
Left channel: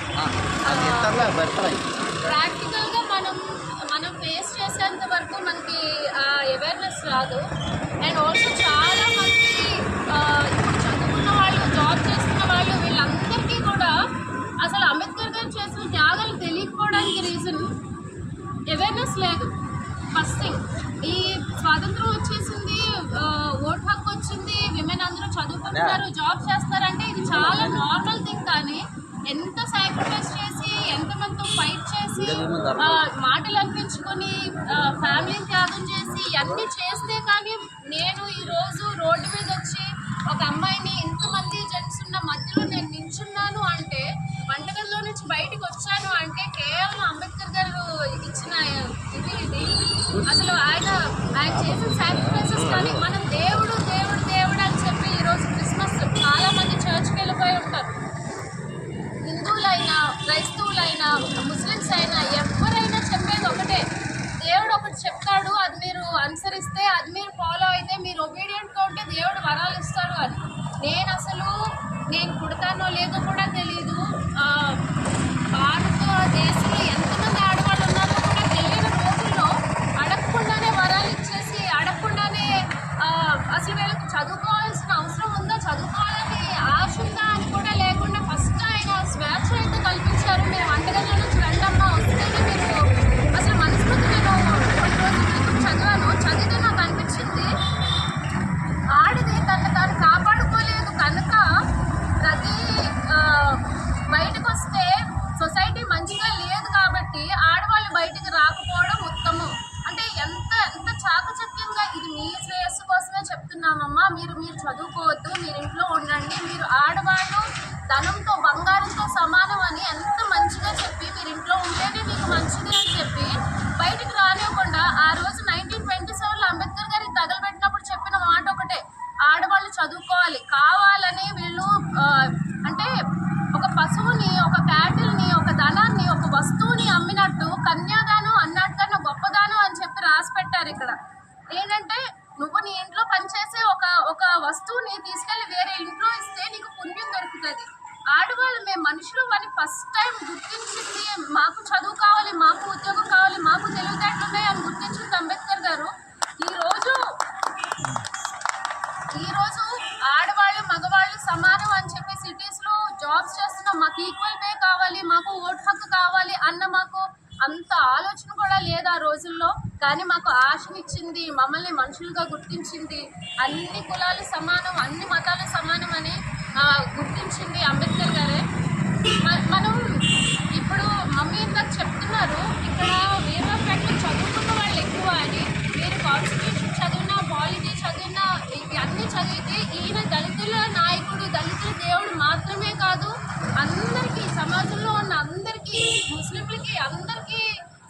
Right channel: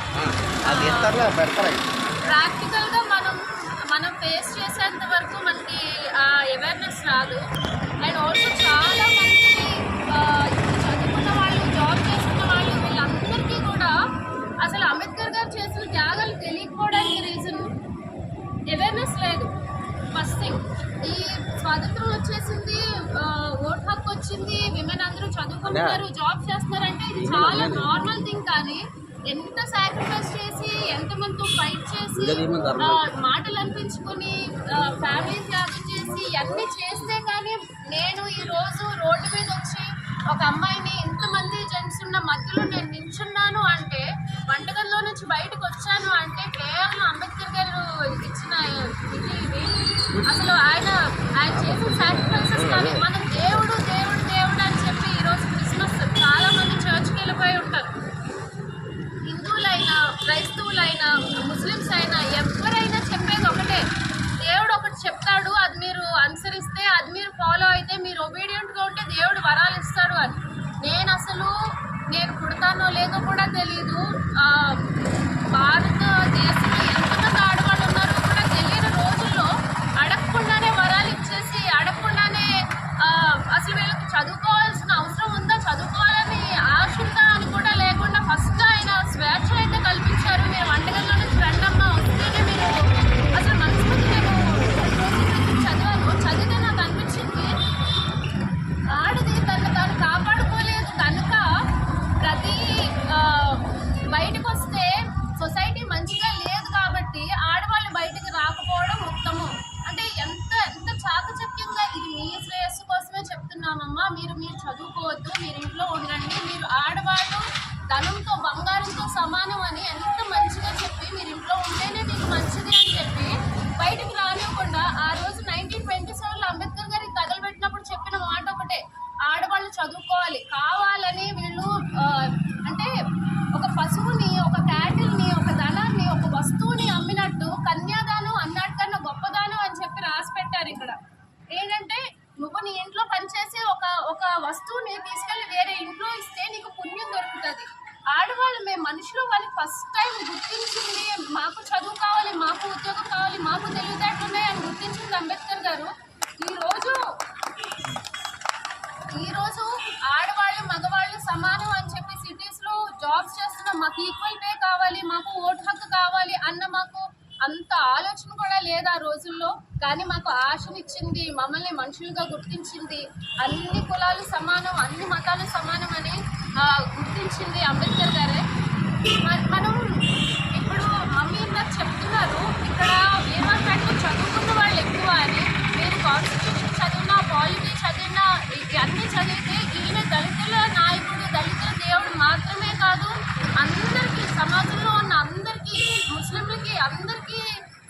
ప్రాక్టికల్గా మనం ఫేస్ చేసేంత వరకు మనకి అవేర్నెస్ రాదు. అండ్ ఆల్సో చాలా మంది ఇప్పుడు చదువుకున్న వాళ్ళు, జాబ్ చేస్తున్న వాళ్ళు, వీళ్ళందరికీ కూడా అసలు అంబేద్కర్ గారు చేసిన త్యాగాలు తెలియకపోవడానికి రీజన్ అవేర్నెస్ లేదు. ఫస్ట్ థింగ్, ఈ స్వాతంత్రం వచ్చేసింది, ఓట్ హక్కు వచ్చింది, విమెన్ అందరూ చదువుకుంటున్నారు, జాబ్ చేస్తున్నారంటే ఇది చాలా నార్మల్ థింగ్. కానీ ఎంత సాక్రిఫైస్ చేసి, ఎంతమందితో ఫైట్ చేసి, మాటలు అనిపించుకొని, ఫ్యామిలీ త్యాగం చేసి అన్నీ చేస్తే కానీ నేను ఈరోజు రోడ్డు మీద వచ్చి ఒక అమ్మాయిని ఇంతమంది జెంట్స్ ఉన్న మధ్యలో నేను నించున్నాను అంటే, వంటగదిలో నుంచి బయటకు వచ్చాను అంటే కేవలం అంబేద్కర్ గారు ఇచ్చిన ఇది. అసలు ఆయన చేసిన సాక్రిఫైసెస్ కానీ మనం దేవుడు దేవుడు దేవుడు అని చెప్పి ఈరోజు క్రిస్మస్ చాలా మంది చర్చ్కి వెళ్ళిపోయి ఉంటారు. హిందువులైనా, క్రైస్తవులైనా, ముస్లిమ్స్ అయినా ఎవరైనా చెప్పేది ఒకటే, దేవుడు ఒకటి చెప్తాడు, అది మీరు అనుసరిస్తే, అది మీరు ఫాలో అయితే, మీరు ఒబీడియంట్గా ఉంటే దేవుడు వరాలు ఇస్తాడు అని. నేను పుడతానో లేదో కూడా తెలీదు. భారతదేశంలో ఎంతమంది ఆడవాళ్ళు ఉన్నారో కూడా తెలియని రోజుల్లో అడగకుండానే వరాలు ఇచ్చేసి, అడగకుండానే అసలు వీళ్ళకి చదువుకోవాల్సిన అవసరం ఉందా, చదువుకోవాలని ఆశ ఉందా అని కూడా లేకుండా ఫస్ట్ ఆయన స్వేచ్ఛ అయితే కల్పించారు. మీరు వంటగదిలో నుంచి రండమ్మా, వస్తేనే మీరు అసలు మనస్ఫూర్తి నేను 2 రోజుల క్రితం చదివితే నాకు అనిపించింది, ఆడది తను తాను కాపాడుకోలేదు కనుక ప్రతి బయటకు వస్తే సొసైటీ మంచిగా లేదు కాబట్టి ఆడవాళ్ళు బయటకు రాకపోవడం ఉత్తమం. అంటే ఎంత చాకచక్యంగా, ఇది మీ శ్రేయస్సు కోసమే చెప్తున్నామమ్మా, మీరు చదువుకోవద్దు, మీరు ఇంట్లో ఉండండి, మీరు ఆడవాళ్ళు ధనంతో బంగారంతో సమానం అని ఎంత మంచిగా చెప్పి, మీరు ఇంట్లో ఉంటేనే మీకు మంచిది అని చెప్పి బయటికి రానివ్వకుండా, ఆ రోజు 1927లో అంబేద్కర్ గారికి తగలబెట్టినప్పుడు చెప్పిన మాట ఒకటే, ఆడవాళ్ళు చదువుకోవాలి. కావాలని వీళ్ళు అంటే ఒక పశువుని, ఒక క్యాటిల్ని, ఒక ధనాన్ని, ఒక వస్తువుని అమ్మినట్టు కన్యాదానం అన్నట్టుకన్నా గొప్పదానం అని చెప్పి రాసి పెట్టారు ఇక్కడ. ఏంటంటే నువ్వు నీ ఇంట్లో పనిచేసే ఒక వస్తువుని తీసుకెళ్ళి వేరే ఇంట్లో ఇస్తే నీకు పుణ్యం దొరుకుతుంది. ఆడవాళ్ళు మేము మనుషులు అని ఫస్ట్ టైం గుర్తించింది. మాకు చదువు కావాలి, మాకు ఉద్యోగం కావాలి, మాకు తెలివితేటలు ఉన్నాయి అని గుర్తించింది అంబేద్కర్ గారు. ఈరోజు ఆడవాళ్ళు మగవాళ్ళు సమానం అని చెప్పి సిటీస్లో జాబ్స్ చేస్తున్నాం, మాకు ఈక్వల్ పే కావాలి, మాకు ఓటు హక్కు కావాలి అన్న మాకు అంత ఆలోచన కూడా లేదు ఆ రోజుల్లో. కానీ మాకు ఆశనిచ్చింది, మమ్మల్ని మనుషులుగా గుర్తించింది, అన్ని కులాలు సమానం, అన్ని మతాలు సమానం అని గుర్తించింది అంబేద్కర్ గారే. మనం ఇప్పుడు మమ్మీ ఇందాక చెప్తున్నారు ఇక్కడ వీరవారిపేటలో చదువుకున్న వాళ్ళు ఎక్కువ అని. మీరు కాన్స్టిట్యూషన్ చదివినా, పాలిటీ చదివినా, అన్నీ చదివితే ఈయన దళితుల నాయకుడు, దళితుల దేవుడు మాత్రమే కాదు, అందరికీ, సమాజంలో ఉన్న అందరికీ, ముస్లింలకి అందరికీ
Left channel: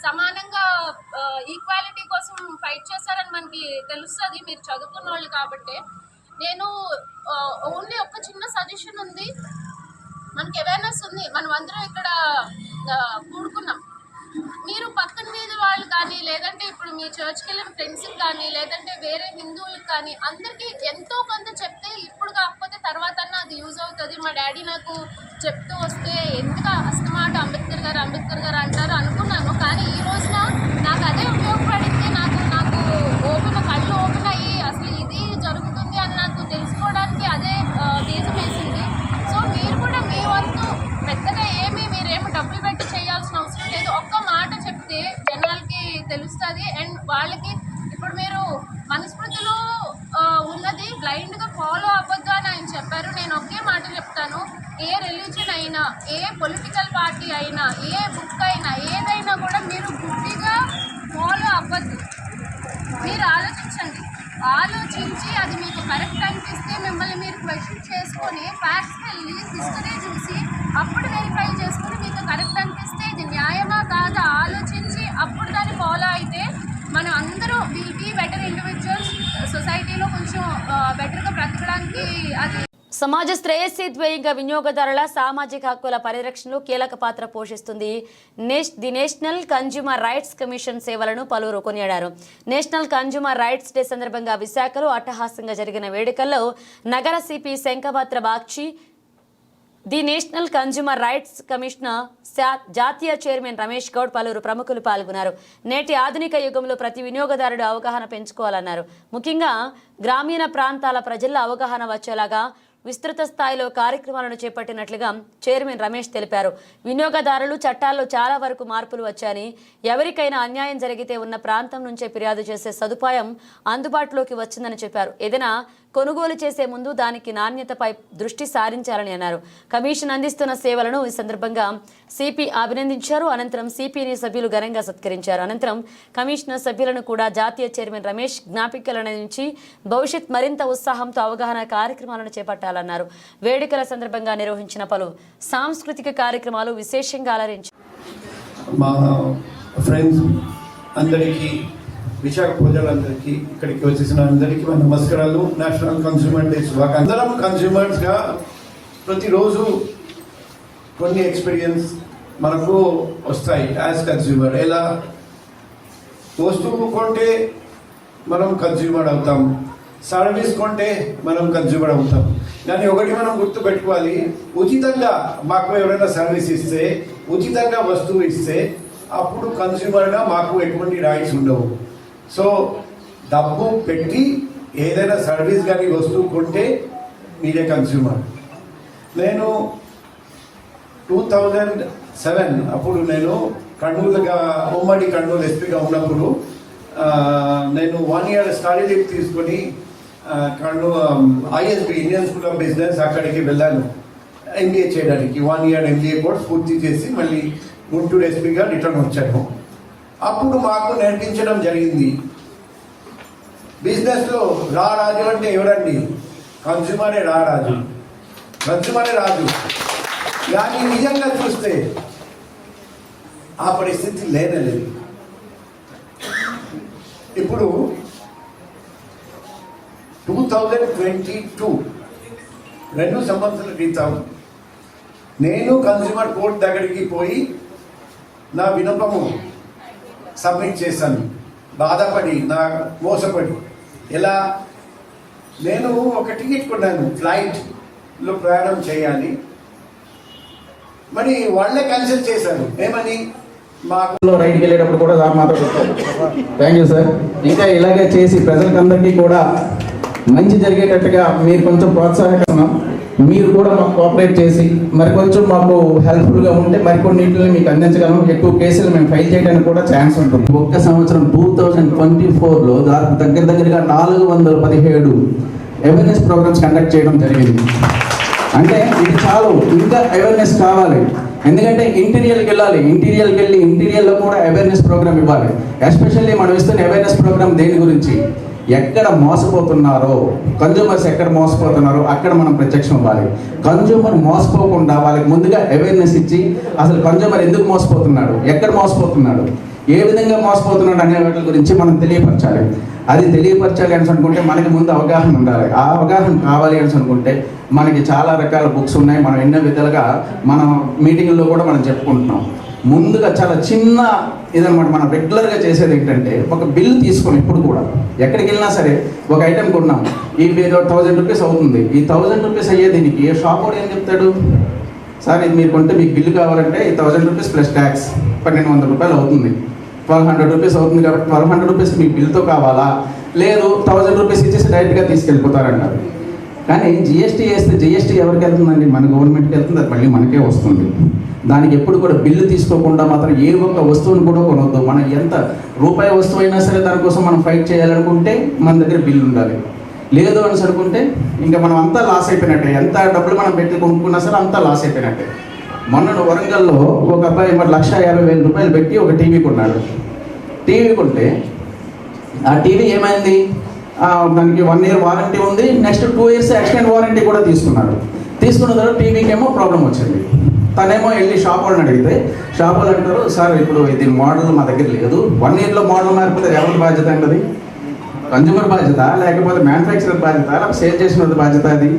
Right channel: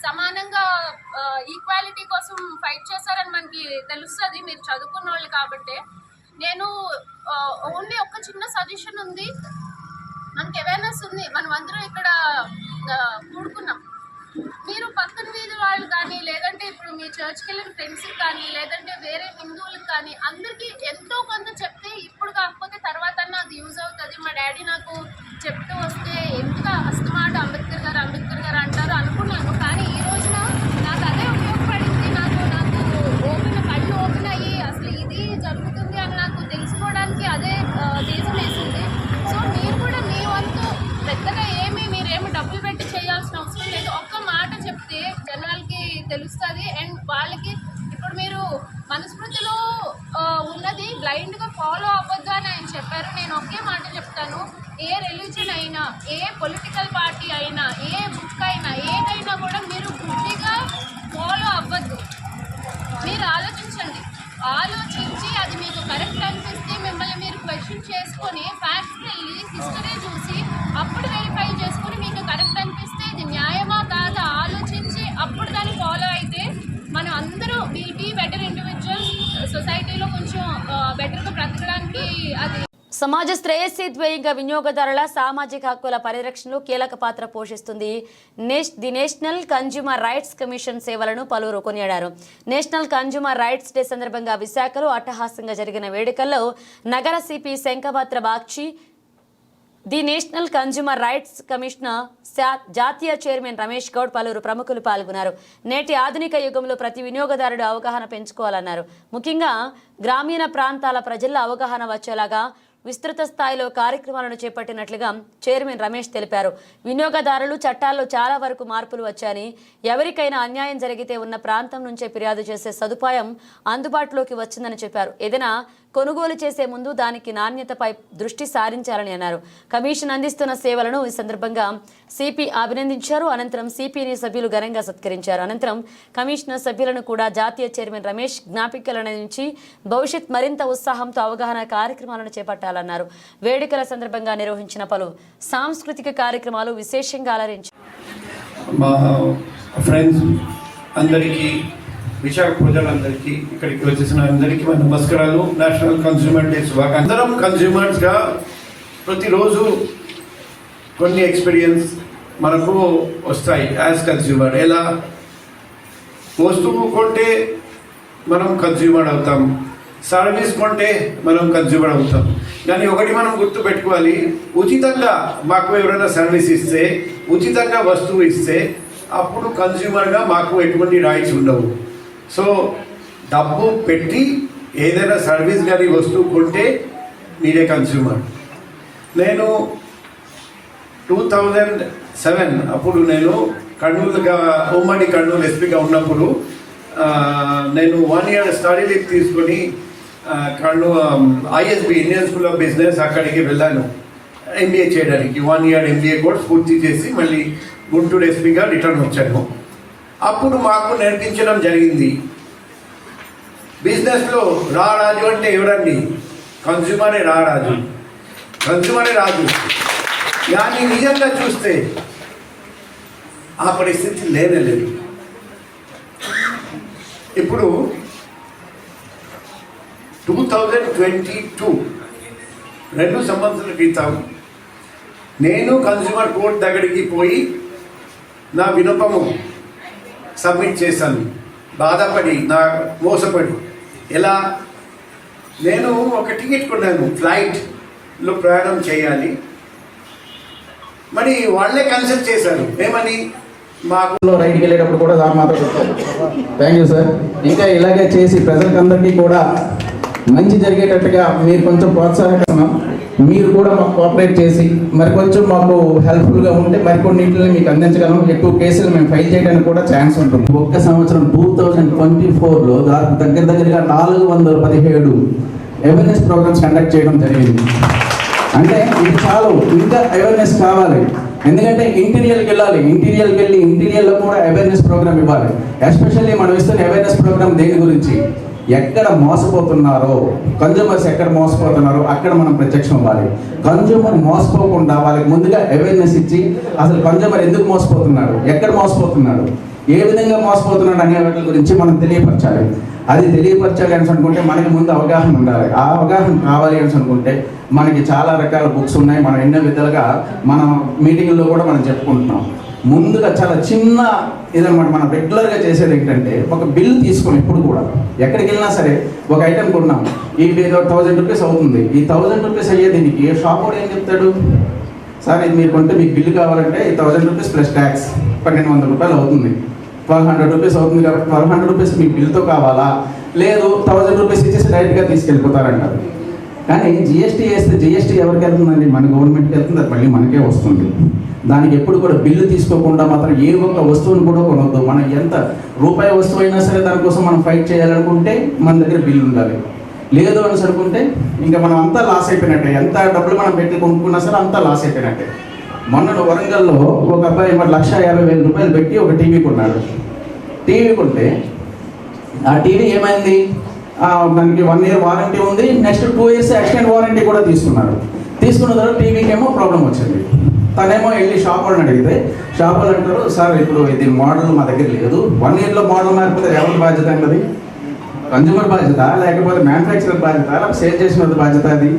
సమానంగా ఈక్వాలిటీ కోసం ఫైట్ చేశారని మనకి తెలుస్తుంది, మీరు చదువుకున్న వాళ్ళు కాబట్టి. నేను ఓన్లీ ఒక చిన్న సజెషన్ ఉంది, మనకి అవేర్నెస్ ఉంది, మనం అందరం ఇక్కడ కూడుకున్నాం. మీరు పక్కన వీధి వాళ్ళు కానీ, లేదంటే ఇప్పుడు మీ చర్చ్కి వెళ్ళిన ఫ్రెండ్స్కి కానీ, లేదంటే వేరే హిందువులకు కానీ, అందరికీ ఎంతో కొంత చెప్తే ఇప్పుడు కాకపోతే తర్వాత అన్న అది యూజ్ అవుతుంది. మా డాడీ నాకు చెప్తూ వస్తే ఎందుకు అస్తమాట అంబేద్కర్ గారు అంటారు అనుకున్నాను. కానీ ఈ రోజున నాకు అదే ఉపయోగపడింది. నాకు కళ్ళు ఓపెన్ అయ్యి అసలు ఇది జరుగుతుంది అని నాకు తెలుసుకోవడానికి అదే దేశం వేసింది. సో మీరు కూడా మీ వంతు పెద్దగా మీరేమి డబ్బులు పెట్టి చేయాల్సిన అవసరం లేదు. ఒక్క మాట చెప్తే జనాలకి తెలుస్తుంది. అండ్ వాళ్ళకి ఇప్పుడు మీరు మనస్మృతిలో ఉన్నది బ్లైండ్గా ఫాలో అవ్వద్దు అని ఆయన చెప్పారు. నేను ఒకే మాట చెప్తాను, ఏ రిలీజన్ అయినా, ఏ పొలిటికల్ పార్టీ అయినా, ఏ బుక్ అయినా, ఏదైనా కూడా మీరు గుడ్డిగా ఫాలో అవ్వద్దు. మీరు ఆలోచించండి, ఆలోచించి అది మీకు కరెక్ట్ అనిపిస్తే మిమ్మల్ని మీరు క్వశ్చన్ చేసుకొని ఫ్యాక్ట్స్కి వెళ్ళి హిస్టరీ చూసి అప్పుడు వెరిఫై చేసుకొని మీకు కరెక్ట్ అనిపిస్తే ఇది న్యాయమా కాదా ఆలోచించి అప్పుడు దాన్ని ఫాలో అయితే మనం అందరూ విల్ బీ బెటర్ ఇండివిజువల్స్, సొసైటీలో కొంచెం బెటర్గా బ్రతకడానికి అది. సమాజ శ్రేయస్సు ధ్యేయంగా వినియోగదారుల సామాజిక హక్కుల పరిరక్షణలో కీలక పాత్ర పోషిస్తుంది the national consumer rights commission సేవలను పలువురు కొనియాడారు. నేషనల్ కన్జ్యూమర్ రైట్స్ డే సందర్భంగా విశాఖలో అట్టహాసంగా జరిగిన వేడుకల్లో నగర CP Shankhabhadra Bakshi, the national consumer rights commission జాతీయ చైర్మన్ రమేష్ గౌడ్, పలువురు ప్రముఖులు పాల్గొన్నారు. నేటి ఆధునిక యుగంలో ప్రతి వినియోగదారుడు అవగాహన పెంచుకోవాలన్నారు. ముఖ్యంగా గ్రామీణ ప్రాంతాల ప్రజల్లో అవగాహన వచ్చేలాగా విస్తృత స్థాయిలో కార్యక్రమాలను చేపట్టినట్లుగా చైర్మన్ రమేష్ తెలిపారు. వినియోగదారులు చట్టాల్లో చాలా వరకు మార్పులు వచ్చాయని, ఎవరికైనా అన్యాయం జరిగితే ఉన్న ప్రాంతం నుంచే ఫిర్యాదు చేసే సదుపాయం అందుబాటులోకి వచ్చిందని చెప్పారు. ఏదైనా కొనుగోలు చేసే ముందు దానికి నాణ్యతపై దృష్టి సారించాలని అన్నారు. కమిషన్ అందిస్తున్న సేవలను ఈ సందర్భంగా సిపి అభినందించారు. అనంతరం సిపిని సభ్యులు ఘనంగా సత్కరించారు. అనంతరం కమిషనర్ సభ్యులను కూడా జాతీయ చైర్మన్ రమేష్ జ్ఞాపికలను అందించి భవిష్యత్ మరింత ఉత్సాహంతో అవగాహన కార్యక్రమాలను చేపట్టాలన్నారు. వేడుకల సందర్భంగా నిర్వహించిన పలు సాంస్కృతిక కార్యక్రమాలు విశేషంగా అలరించారు. మా ఫ్రెండ్స్ అందరికీ, విశాఖ ప్రజలందరికీ, ఇక్కడికి వచ్చేసిన అందరికీ మన నమస్కారాలు. నేషనల్ కన్స్యూమర్ డే శుభాకాంక్షలు. అందరం కన్స్యూమర్స్గా ప్రతిరోజు కొన్ని ఎక్స్పీరియన్స్ మనకు వస్తాయి యాజ్ కన్స్యూమర్. ఎలా వస్తువు కొంటే మనం కన్స్యూమర్ అవుతాం, సర్వీస్ కొంటే మనం కన్స్యూమర్ అవుతాం. కానీ ఒకటి మనం గుర్తు పెట్టుకోవాలి, ఉచితంగా మాకు ఎవరైనా సర్వీస్ ఇస్తే, ఉచితంగా వస్తువు ఇస్తే అప్పుడు కన్స్యూమర్గా మాకు ఎటువంటి రైట్స్ ఉండవు. సో డబ్బు పెట్టి ఏదైనా సర్వీస్ కానీ వస్తువు కొంటే మీరే కన్స్యూమర్. నేను 2007 అప్పుడు నేను కర్నూలుగా, ఉమ్మడి కర్నూలు ఎస్పీగా ఉన్నప్పుడు నేను 1 year స్టడీ లీవ్ తీసుకొని Kurnool ISB Indian school of business అక్కడికి వెళ్ళాను ఎంబీఏ చేయడానికి. 1 year ఎంబీఏ కోర్స్ పూర్తి చేసి మళ్ళీ గుంటూరు ఎస్పీగా రిటర్న్ వచ్చాను. అప్పుడు మాకు నేర్పించడం జరిగింది, బిజినెస్లో రారాజు అంటే ఎవరండి? కన్స్యూమరే రారాజు, కన్స్యూమరే రాజు. కానీ నిజంగా చూస్తే ఆ పరిస్థితి లేదు. ఇప్పుడు 2022 2 సంవత్సరాల క్రితం నేను కన్స్యూమర్ కోర్ట్ దగ్గరికి పోయి నా విన్నపము సబ్మిట్ చేశాను. బాధపడి, నా మోసపడి. ఎలా? నేను ఒక టికెట్ కొన్నాను, ఫ్లైట్లో ప్రయాణం చేయాలి. మరి వాళ్ళే క్యాన్సిల్ చేశారు. ఏమని? మాకు రైట్కి వెళ్ళేటప్పుడు కూడా సార్ మాతో థ్యాంక్ యూ సార్. ఇంకా ఇలాగే చేసి ప్రజలకందరికీ కూడా మంచి జరిగేటట్టుగా మీరు కొంచెం ప్రోత్సాహకరం, మీరు కూడా మాకు కోఆపరేట్ చేసి మరి కొంచెం మాకు హెల్ప్ఫుల్గా ఉంటే మరికొన్నింటిని మీకు అందించగలం. ఎక్కువ కేసులు మేము ఫైల్ చేయడానికి కూడా ఛాన్స్ ఉంటుంది. ఒక్క సంవత్సరం 2024లో దగ్గరగా 417 అవేర్నెస్ ప్రోగ్రామ్స్ కండక్ట్ చేయడం జరిగింది. అంటే ఇది చాలు, ఇంకా అవేర్నెస్ కావాలి. ఎందుకంటే ఇంటీరియర్కి వెళ్ళాలి, ఇంటీరియర్కి వెళ్ళి ఇంటీరియర్లో కూడా అవేర్నెస్ ప్రోగ్రామ్ ఇవ్వాలి. ఎస్పెషల్లీ మనం ఇస్తున్న అవేర్నెస్ ప్రోగ్రామ్ దేని గురించి? ఎక్కడ మోసపోతున్నారో, కన్జ్యూమర్స్ ఎక్కడ మోసపోతున్నారో అక్కడ మనం ప్రత్యక్షం ఇవ్వాలి. కన్జ్యూమర్ మోసపోకుండా వాళ్ళకి ముందుగా అవేర్నెస్ ఇచ్చి అసలు కన్జ్యూమర్ ఎందుకు మోసపోతున్నాడు, ఎక్కడ మోసపోతున్నాడు, ఏ విధంగా మోసపోతున్నాడు అనే వాటి గురించి మనం తెలియపరచాలి. అది తెలియపరచాలి అని అనుకుంటే మనకి ముందు అవగాహన ఉండాలి. ఆ అవగాహన కావాలి అని అనుకుంటే మనకి చాలా రకాల బుక్స్ ఉన్నాయి. మనం ఎన్నో విధాలుగా మనం మీటింగ్లో కూడా మనం చెప్పుకుంటున్నాం. ముందుగా చాలా చిన్న ఇదనమాట, మనం రెగ్యులర్గా చేసేది ఏంటంటే ఒక బిల్ తీసుకొని ఇప్పుడు కూడా ఎక్కడికి వెళ్ళినా సరే ఒక ఐటెం కొన్నాం, ఇది ఏదో 1000 రూపీస్ అవుతుంది. ఈ 1000 రూపీస్ అయ్యే దీనికి ఏ షాప్ కూడా ఏం చెప్తాడు? సార్ ఇది మీరు కొంటే మీకు బిల్లు కావాలంటే ఈ 1000 రూపీస్ ప్లస్ ట్యాక్స్ 1200 రూపాయలు అవుతుంది, 1200 రూపీస్ అవుతుంది. కాబట్టి 1200 రూపీస్ మీ బిల్తో కావాలా? లేదు 1000 రూపీస్ ఇచ్చేసి డైరెక్ట్గా తీసుకెళ్ళిపోతారంటారు. కానీ జిఎస్టీ వేస్తే జిఎస్టీ ఎవరికి వెళ్తుందండి? మన గవర్నమెంట్కి వెళ్తుంది, అది మళ్ళీ మనకే వస్తుంది. దానికి ఎప్పుడు కూడా బిల్లు తీసుకోకుండా మాత్రం ఏ ఒక్క వస్తువుని కూడా కొనవద్దు. మనం ఎంత రూపాయి వస్తువు అయినా సరే దానికోసం మనం ఫైట్ చేయాలనుకుంటే మన దగ్గర బిల్లు ఉండాలి. లేదు అని అనుకుంటే ఇంకా మనం అంతా లాస్ అయిపోయినట్టే. ఎంత డబ్బులు మనం పెట్టి కొనుక్కున్నా సరే అంతా లాస్ అయిపోయినట్టే. మొన్న వరంగల్లో ఒక అబ్బాయి మరి 1,50,000 పెట్టి ఒక టీవీ కొన్నాడు. టీవీ కొంటే ఆ టీవీ ఏమైంది, దానికి 1 year వారంటీ ఉంది, నెక్స్ట్ 2 years ఎక్స్టెండ్ వారంటీ కూడా తీసుకున్నాడు. తీసుకున్న తర్వాత టీవీకి ఏమో ప్రాబ్లం వచ్చింది. తనేమో వెళ్ళి షాప్ వాళ్ళని అడిగితే షాప్ వాళ్ళు అంటారు, సార్ ఇప్పుడు ఇది మోడల్ మా దగ్గర లేదు, 1 yearలో మోడల్ మారిపోతే ఎవరి బాధ్యత అంటది? కన్జ్యూమర్ బాధ్యత, లేకపోతే మ్యానుఫ్యాక్చరర్ బాధ్యత, లేకపోతే సేల్ చేసిన బాధ్యత అది.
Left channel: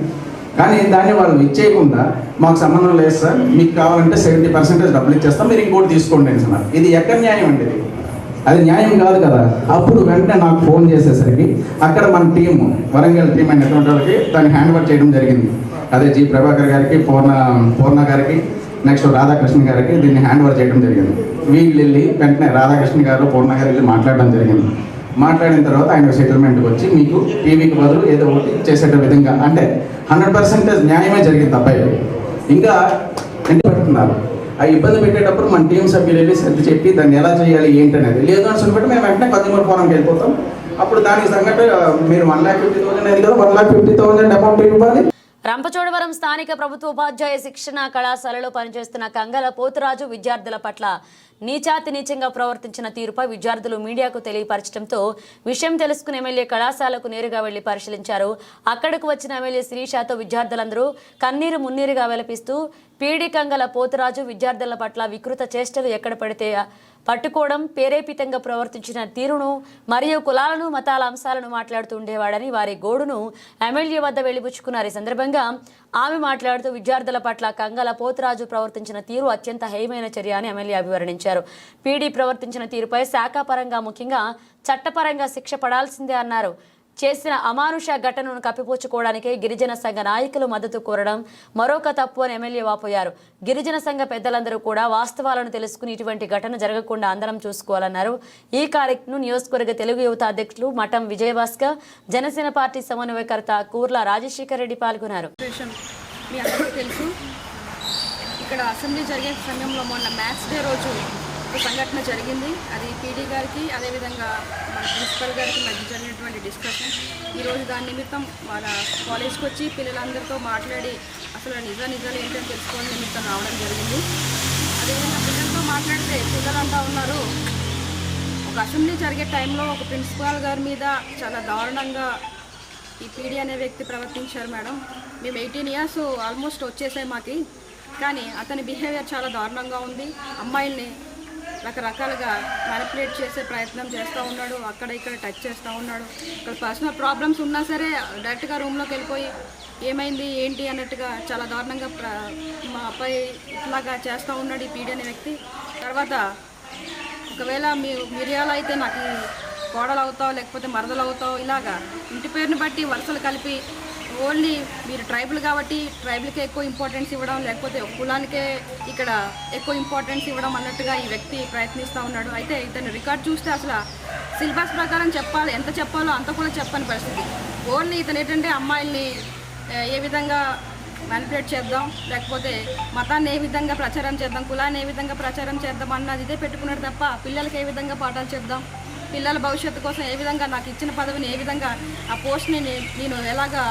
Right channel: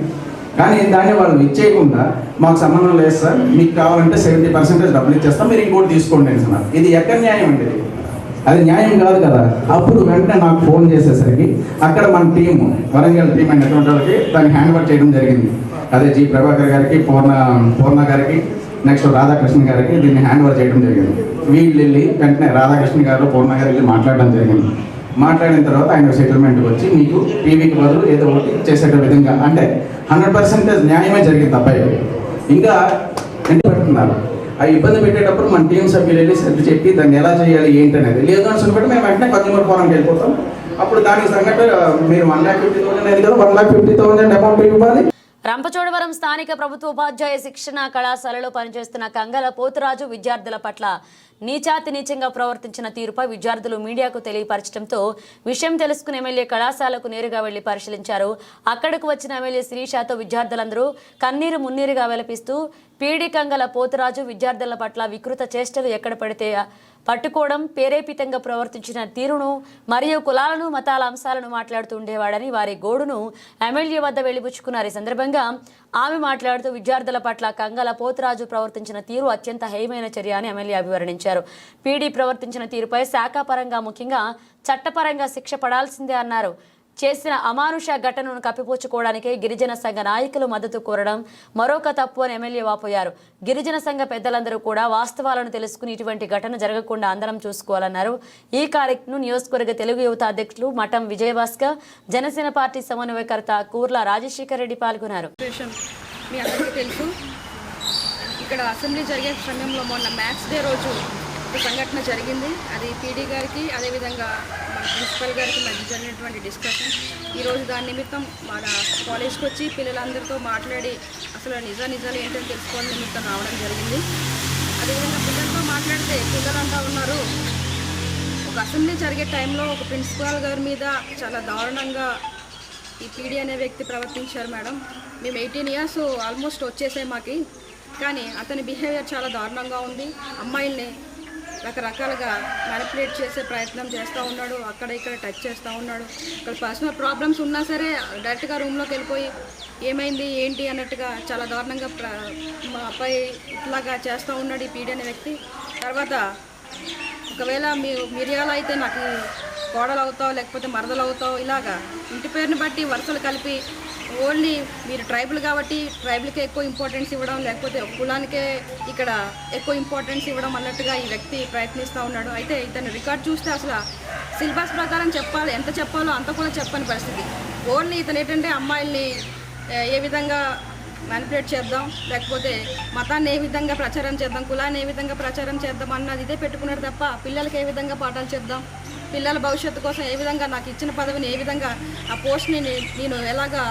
కానీ దాన్ని వాళ్ళు ఇచ్చేయకుండా మాకు సంబంధం లేదు సార్, మీకు కావాలంటే 70% డబ్బులు ఇచ్చేస్తాం, మీరు ఇంకోటి తీసుకోండి అంటున్నారు. ఇది ఎక్కడ న్యాయం అండి? అది న్యాయం కాదు కదా. అప్పుడు వెంటనే నాకు ఫోన్ చేసేసరికి అక్కడ మన టీము వరంగల్ టీం అనేటువంటి వాళ్ళకి దాన్ని హ్యాండ్ ఓవర్ చేయడం జరిగింది. అదే జి ప్రభాకర్ గారికి, పూర్ణ గారికి, నెక్స్ట్ రాధాకృష్ణ గారికి దీన్ని హ్యాండ్ ఓవర్ చేయడం జరిగింది. వీళ్ళు వెళ్ళి వెంటనే రాధాకృష్ణ గారు, పూర్ణ గారు వెళ్ళి మాట్లాడడం జరిగింది. మాట్లాడిన తర్వాత ఆయన సెటిల్మెంట్కి వచ్చి మీకు టీవీకి బదులు ఏదో ఒకటి చేసేట విధంగా, అంటే 100% న్యాయమే జరిగింది. అబ్బాయి ఇంకా ఇంటి పెడుతున్నారు. ఆ ఇబ్బంది పెట్టేటప్పుడు మన టీం సభ్యులు వెళ్ళి సర్ది చెప్పి దాన్ని ఎలా చేయాలి ఏంటి అనేది. లేదు అని అనుకుంటే మేము వెంటనే కన్జ్యూమర్ ఫోరంకి వెళ్ళిపోతాం. అప్పుడు దానికి తగ్గట్టు మీరు 1,50,000 అనేది కదా 1,50,000 అమౌంట్ ఇవ్వాలి. రంపచోడవరం స్థానిక ప్రభుత్వ ఉపాధ్యాయ శిక్షణ కళాశాలలో పనిచేస్తున్న కంగల పోతురాజు విద్యార్థుల పట్ల నీచాతి నీచంగా ప్రవర్తించిన తీరుపై విద్యార్థులు మీడియాకు తెలియపరచడంతో విషయం తెలుసుకుని ఎమ్మెల్యే కళాశాలకు నేరుగా వెళ్లి పరిశీలించారు. అక్కడకు వచ్చిన ఎమ్మెల్యే శ్రీషాతో విద్యార్థులందరూ కన్నీరు మున్నీరుగా వెలపిస్తూ పీడి కంగల పోతురాజు విద్యార్థుల పట్ల వికృత చేష్టలు ఎక్కడ పడితే పట్టుకోవడం, ప్రేరేపితంగా ప్రవర్తించిన తీరును మరియు కులాలను మతాల అంశాలను మాట్లాడుతూ ఉండేవాడని వారి గోడును ఎమ్మెల్యే వద్ద వెలిబుచ్చుకున్నారు. ఈ సందర్భంగా ఆమె మాట్లాడుతూ విద్యార్థుల పట్ల కంగల పోతురాజు ప్రవర్తించిన తీరు అత్యంత హేయమైన చర్య అని ఎమ్మెల్యే అభివర్ణించారు. పీడీ ప్రవర్తించిన తీరుపై శాఖాపరంగా ముఖ్యంగా చట్టపరంగా శిక్ష పడాల్సిందే అన్నారు. చేసిన అమానుష ఘటనను కప్పిపుచ్చుకోవడానికే గిరిజన సంఘ నాయకులు మద్దతు కోరడం మరొక తప్పు అని ఎమ్మెల్యే వాపోయారు. గిరిజన సంఘ పెద్దలందరూ కూడా వాస్తవాలను తెలుసుకుని ఇటువంటి ఘటన జరగకుండా అందరం చూసుకోవాలన్నారు. ఈ కార్యక్రమం నియోజకవర్గ తెలుగు యువత అధ్యక్షులు మఠం విజయభాస్కర్, జనసేన పార్టీ సమన్వయకర్త కూర్ల రాజశేఖర్ రెడ్డి పాల్గొన్నారు. మీ అందరికీ తెలుసు, ఇక్కడ అసెంబ్లీ జరిగే సమయంలో మొన్న మ్యాథ్స్ డే రోజు ఒక సంఘటన జరిగింది. అది పీడీ గారికి అదేవిధంగా మన ప్రిన్సిపల్ గారికి మధ్య జరిగినటువంటి డిస్కషన్. ఈరోజు దాని నిమిత్తం మన కాలేజ్కి వచ్చి పిల్లలందరితో మాట్లాడి అసలు నిజాలు ఏంటని తెలుసుకోవాలని నిమిత్తం రావడం జరిగింది. అదేవిధంగా పిల్లలతో మాట్లాడితే పిల్లలు అంటూ ఉన్నారు, ఒక అసెంబ్లీ జరిగే టైంలో ఒక ప్రిన్సిపాల్ గారి మీద చాలా దారుణంగా ఈ పీడీ అనే వ్యక్తి ప్రవర్తించారు మేడం. మేము 18 years ఆల్మోస్ట్ వచ్చేసాయి మాకి, కానీ అతని బిహేవియర్ చాలా దారుణంగా ఉంది. అమ్మాయిల్ని రకరకాలుగా మ్యానిపులేట్ చేసే ప్రయత్నం చేస్తూ ఉన్నాడు, అక్కడ ఇక్కడ టచ్ చేస్తూ ఉన్నాడు. ఇక్కడ పర్సనల్ ప్రాబ్లమ్స్ ఉన్నా సరే డైరెక్ట్గా రూమ్లోకి వెళ్ళిపోయి ఏమైంది ఏంటి అన్నట్టుగా చాలా దారుణంగా మా అబ్బాయి ఇట్లాగా చేస్తూ ఉన్నాడు ఈ పీడీ అనే వ్యక్తి. తర్వాత ఒకవేళ మిరియాలు అయితే నాకు కోడలు అవుతావు లేకపోతే మరదలు అవుతావు, ఇలాగా ఇంటి పేరుని బట్టి వరుసలు కలిపి ఓన్లీ మీరు ట్రైబల్ కాబట్టి ట్రైబల్కే ఎక్కువ ఇంపార్టెన్స్ ఇవ్వడం, లేకపోతే కులానికే ఇక్కడ ఎక్కువ ఇంపార్టెన్స్ ఇవ్వడం అన్నట్టుగా ఈ వ్యక్తి ప్రయత్నిస్తూ ఉన్నాడు. అయితే ఇతని రికార్డ్ చూస్తే అసలు సిలబస్ ప్రకారం చెప్పాలి, ఎంత చెప్పాలో అంత కూడా చెప్పని పరిస్థితి. ఓన్లీ ఇతను ఏంటంటే అమ్మాయిల్ని ఏ విధంగా మ్యానిపులేట్ చేద్దాం, లేకపోతే మతాన్ని ఏ విధంగా ప్రచారం చేద్దాం, కులాన్ని ఏ విధంగా ప్రచారం చేద్దాం అన్నది ఇదే పెట్టుకున్నాడు తప్ప పిల్లలకి ఏ విధంగా పాఠాలు చెప్దాం, పిల్లల భవిష్యత్తు కోసం ఏ విధంగా నాకు ఇచ్చిన పదవిని ఏ విధంగా ఆ పోస్ట్ని నేను ఎలాగా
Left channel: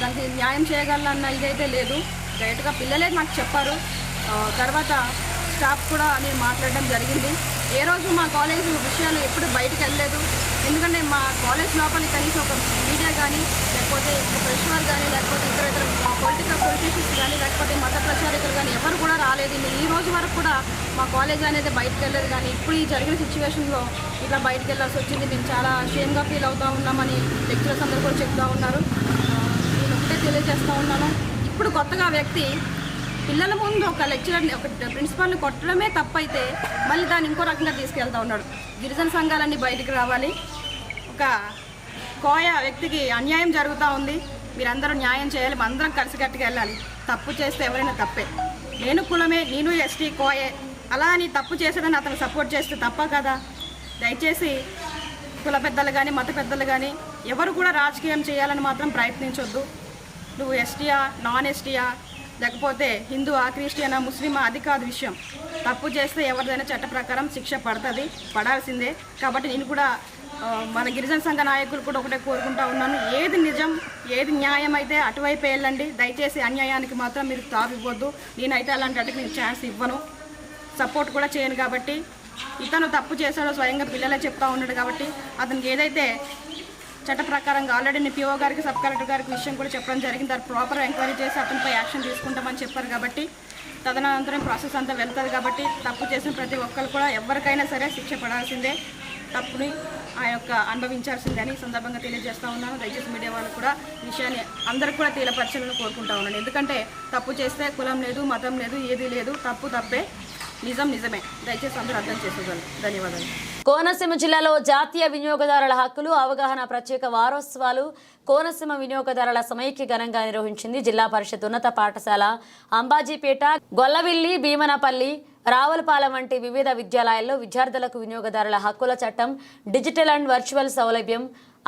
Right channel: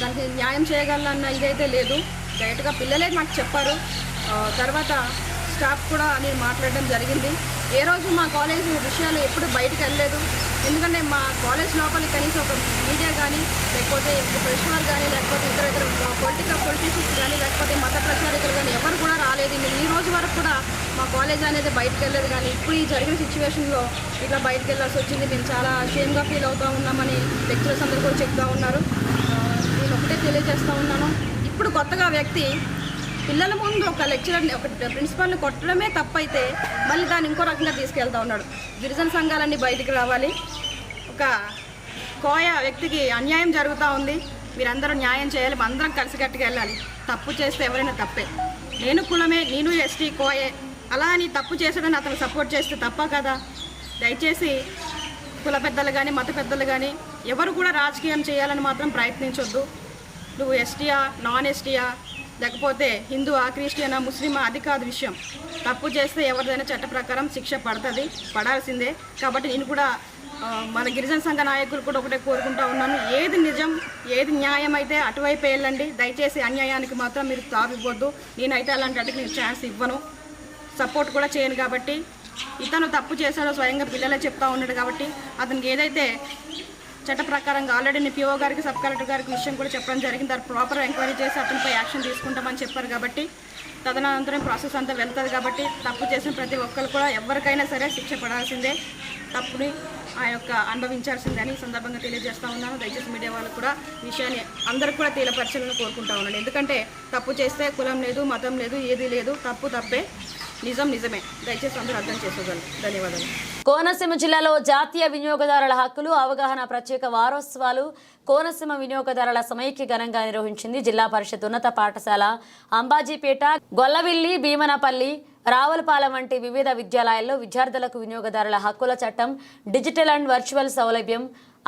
దానికి న్యాయం చేయగలనన్న ఇదైతే లేదు. డైరెక్ట్గా పిల్లలే నాకు చెప్పారు. తర్వాత స్టాఫ్ కూడా నేను మాట్లాడడం జరిగింది. ఏ రోజు మా కాలేజ్ విషయాలు ఎప్పుడు బయటకు వెళ్ళలేదు. ఎందుకంటే మా కాలేజ్ లోపలికి కనీసం ఒక మీడియా కానీ లేకపోతే ప్రెషర్ కానీ లేకపోతే ఇతర పొలిటీషియన్స్ కానీ లేకపోతే మత ప్రచారకులు కానీ ఎవరు కూడా రాలేదు. ఈ రోజు వరకు కూడా మా కాలేజ్ అనేది బయటకు వెళ్ళలేదు. కానీ ఇప్పుడు ఈ జరిగిన సిచ్యువేషన్లో ఇట్లా బయటకు వెళ్ళాల్సి వచ్చింది. మేము చాలా షేమ్గా ఫీల్ అవుతూ ఉన్నామని లెక్చరర్స్ అందరూ కూడా చెప్తూ ఉన్నారు. నేను ఒకటే తెలియజేస్తూ ఉన్నాను, ఇప్పుడు కొత్తగా వ్యక్తి పిల్లల ముందు ఒక లెక్చరర్ని ఒక ప్రిన్సిపాల్ని కొట్టడమే తప్పైతే మళ్ళీ దాన్ని ఇంకో రకంగా తీసుకెళ్తా ఉన్నాడు. గిరిజన సంఘాలన్నీ బయటికి రావాలి. ఒక కోయ వ్యక్తికి అన్యాయం జరుగుతూ ఉంది, మీరందరూ న్యాయం చేయాలి, అందరం కలిసికట్టుగా వెళ్ళాలి. తప్పు చేస్తే ఎవరైనా తప్పే. నేను కులమే, నేను ఎస్టీ కోయే, అలా అని తప్పు చేసాడని అతను సపోర్ట్ చేస్తే తప్ప కదా. దయచేసి కుల పెద్దలు కానీ మత పెద్దలు కానీ ఎవరు కూడా రాజకీయం చేయాలని మాత్రం ప్రయత్నించొద్దు. నువ్వు ఎస్టీయా నాన్ ఎస్టీయా లేకపోతే హిందువా క్రిస్టియనా ముస్లిమా అది కాదు విషయం. తప్పు చేస్తే ఎవరిదైనా చట్ట ప్రకారం శిక్ష పడుతుంది, పడాల్సిందే. కాబట్టి నేను కూడా మన గిరిజన సంఘ నాయకులు కూడా ఒకటే కోరుకుంటా ఉన్నాను, ఏది నిజం ఏది న్యాయం అయితే అటువైపు వెళ్ళండి. దయచేసి అన్యాయానికి మాత్రం మీరు తావివ్వద్దు. నేనైతే అలాంటి వాటికి నేను ఛాన్స్ ఇవ్వను, సపోర్ట్ కూడా చేయను. కాబట్టి ఇతను తప్పు చేశాడో స్వయంగా పిల్లలే చెప్తా ఉన్నాడు. కాబట్టి అతనికి ఏదైతే చట్ట ప్రకారంగా ఆల్రెడీ నేను పిఓ గారికి సబ్ కలెక్టర్ గారికి విషయం కూడా చెప్పడం జరిగింది. దాన్ని ప్రాపర్ ఎంక్వైరీ చేసి అతనిపై యాక్షన్ తీసుకుంటామని చెప్పారు. కాబట్టి తదనంతరం ప్రాసెస్ అంతా వెళ్తుంది. కాబట్టి తప్పు చేసిన ప్రతి ఒక్కరు కూడా ఎవరికైనా సరే శిక్ష పడాల్సిందే, తప్పుని అనుభవించాల్సిందని ఈ సందర్భంగా తెలియజేస్తా ఉన్నాను. దయచేసి మీడియా వాళ్ళు కూడా ఈ విషయాన్ని అందరికి కూడా తీలపరచాలని కోరుకుంటా ఉన్నాను. ఎందుకంటే తప్పు చేస్తే కులం లేదు, మతం లేదు, ఏది లేదు, తప్పు తప్పే, నిజం నిజమే. దయచేసి అందరూ అర్థం చేసుకోగలరు. ధన్యవాదాలు. కోనసీమ జిల్లాలో జాతీయ వినియోగదారుల హక్కులు అవగాహన ప్రత్యేక వారోత్సవాలు కోనసీమ వినియోగదారుల సమైక్య ఘనంగా నిర్వహించింది. జిల్లా పరిషత్ ఉన్నత పాఠశాల అంబాజీపేట, గొల్లవిల్లి, భీమనపల్లి, రావులపాలెం వంటి వివిధ విద్యాలయాల్లో విద్యార్థులకు వినియోగదారుల హక్కుల చట్టం, డిజిటల్ అండ్ వర్చువల్ సౌలభ్యం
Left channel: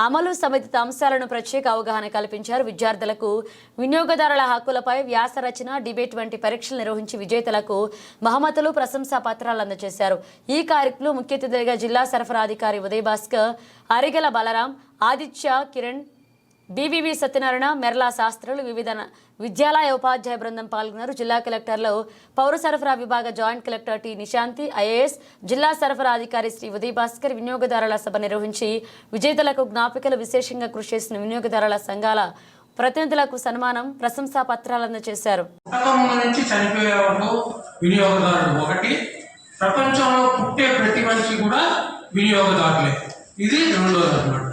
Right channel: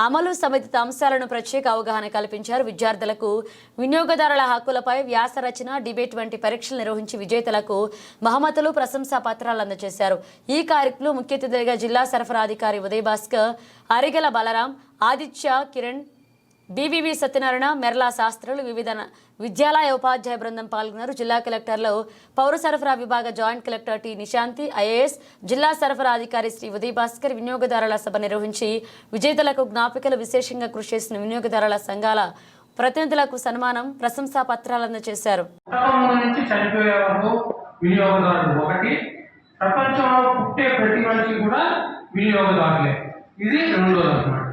అమలు సంబంధిత అంశాలను ప్రత్యేక అవగాహన కల్పించారు. విద్యార్థులకు వినియోగదారుల హక్కులపై వ్యాస రచన, డిబేట్ వంటి పరీక్షలు నిర్వహించి విజేతలకు బహుమతులు, ప్రశంసా పత్రాలు అందజేశారు. ఈ కార్యక్రమంలో ముఖ్య అతిథిగా జిల్లా సరఫరా అధికారి ఉదయ్ భాస్కర్, అరిగెల బలరాం, ఆదిత్య, కిరణ్, బీవీవీ సత్యనారాయణ, మెర్లా శాస్త్రులు, వివిధ విద్యాలయ ఉపాధ్యాయ బృందం పాల్గొన్నారు. జిల్లా కలెక్టర్లో పౌర సరఫరా విభాగ joint collector T Nishanthi, IAS, జిల్లా సరఫరా అధికారి శ్రీ ఉదయ్ భాస్కర్ వినియోగదారుల సభ నిర్వహించి విజేతలకు జ్ఞాపికలు, విశేషంగా కృషి చేసిన వినియోగదారుల సంఘాల ప్రతినిధులకు సన్మానం, ప్రశంసా పత్రాలు అందజేశారు. వినియోగదారుడు ఒకటి, ప్రపంచంలో పుట్టే ప్రతి మనిషి కూడా వినియోగదారులే. ఇది రెండోది అన్నమాట.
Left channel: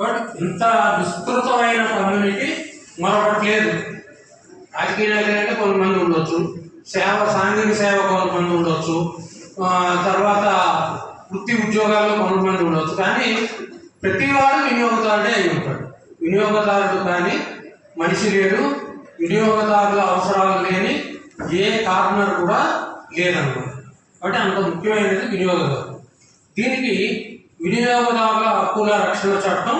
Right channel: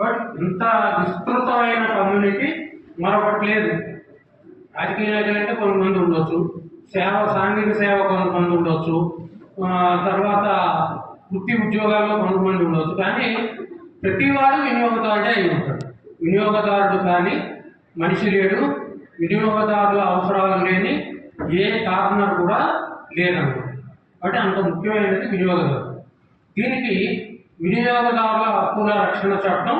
బట్ ఇంత విస్తృతమైన కమ్యూనిటీ మరొకటి లేదు. రాజకీయ నాయకులు అంటే కొంతమంది ఉండొచ్చు, సాంఘిక సేవ కొంతమంది ఉండొచ్చు, తర్వాత వృత్తి ఉద్యోగాల్లో కొంతమంది ఉండొచ్చు, కానీ ప్రతివాడు వినియోగదారుడే అయి ఉంటాడు. వినియోగదారుడు కానీ మనిషి లేడు, వినియోగదారుల అవసరాలు లేని ఏ కార్నర్ కూడా లేదన్నమాట. కాబట్టి అంత ముఖ్యమైనది వినియోగదారు. దీనికి వినియోగదారుల హక్కుల రక్షణ చట్టం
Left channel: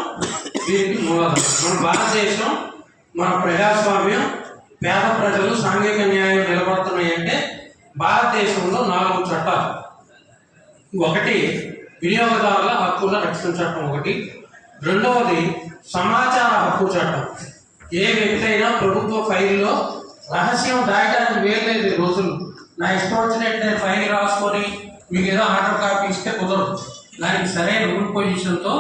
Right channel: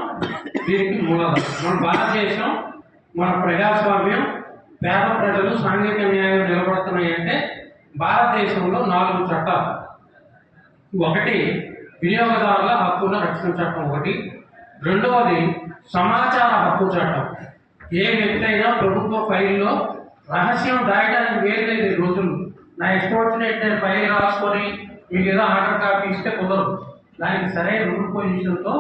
దీనికి మూలాధారం. మన భారతదేశం, మన ప్రజాస్వామ్యం, పేద ప్రజలు, సాంఘిక న్యాయం నిలబడుతున్నాయి అంటే భారతదేశంలో 4 చట్టాలు. ఒకటి వినియోగదారుల హక్కుల రక్షణ చట్టం ఒకటి, రెండవది సమాచార హక్కు చట్టం. ఏ వ్యక్తి అయినా ప్రభుత్వ ఫైల్లో రహస్యం దాయడానికి వేయలేదు. రోజులు నా ఇష్టం వచ్చినట్టు నేను ఫైల్ రాసుకొని మీకు ఏదో ఆర్డర్ కాపీ ఇస్తే కుదరదు. దానికి సరైన రూల్ పొజిషన్తో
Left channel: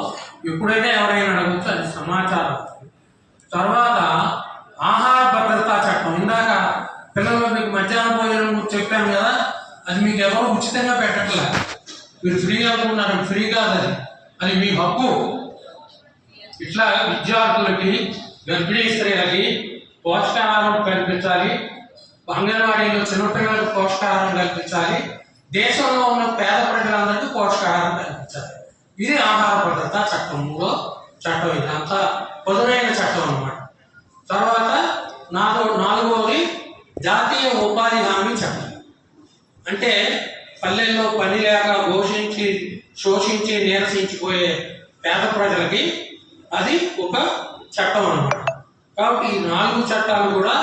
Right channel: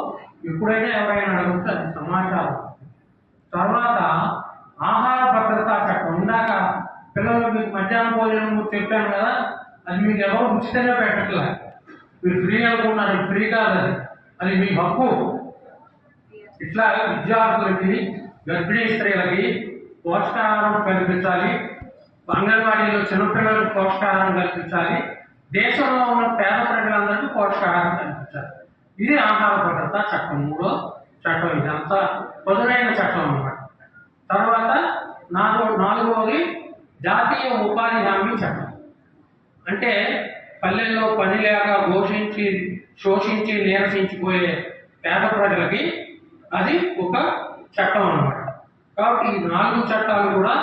ఎప్పుడైనా ఎవరైనా అడగవచ్చు. అది సమాచారం. తర్వాత ఆహార భద్రతా చట్టం. ఇందాక పిల్లలు మీకు మధ్యాహ్న భోజనం చెప్పాను కదా, అది మీకు ఎవరు ఉచితంగా పెట్టట్లే, మీరు ఫ్రీ అనుకున్నారు. ఫ్రీ కాదు, అది మీ హక్కు. ఇట్లా విద్యార్థులకి, గర్భిణీ స్త్రీలకి పోషకాహారం కల్పించాలి, అంగన్వాడీలో చిన్నపిల్లలకు పోషకాహారం కల్పించాలి, దేశంలో ఉన్న పేద ప్రజలందరికీ పోషకాహారం కల్పించాలి. ఇది ఆహార భద్రతా చట్టం, 3వ చట్టం. ఇది అంతా పొదునైన చట్టం అన్నమాట. తర్వాత 4వది జాతీయ ఉపాధి హామీ చట్టం. అంటే పల్లెల్లో పని లేక శోషించి నీరసించిపోయే పేద ప్రజలకి అది ఒక చట్టం అన్నమాట. కాబట్టి ఈ 4 చట్టాలు కూడా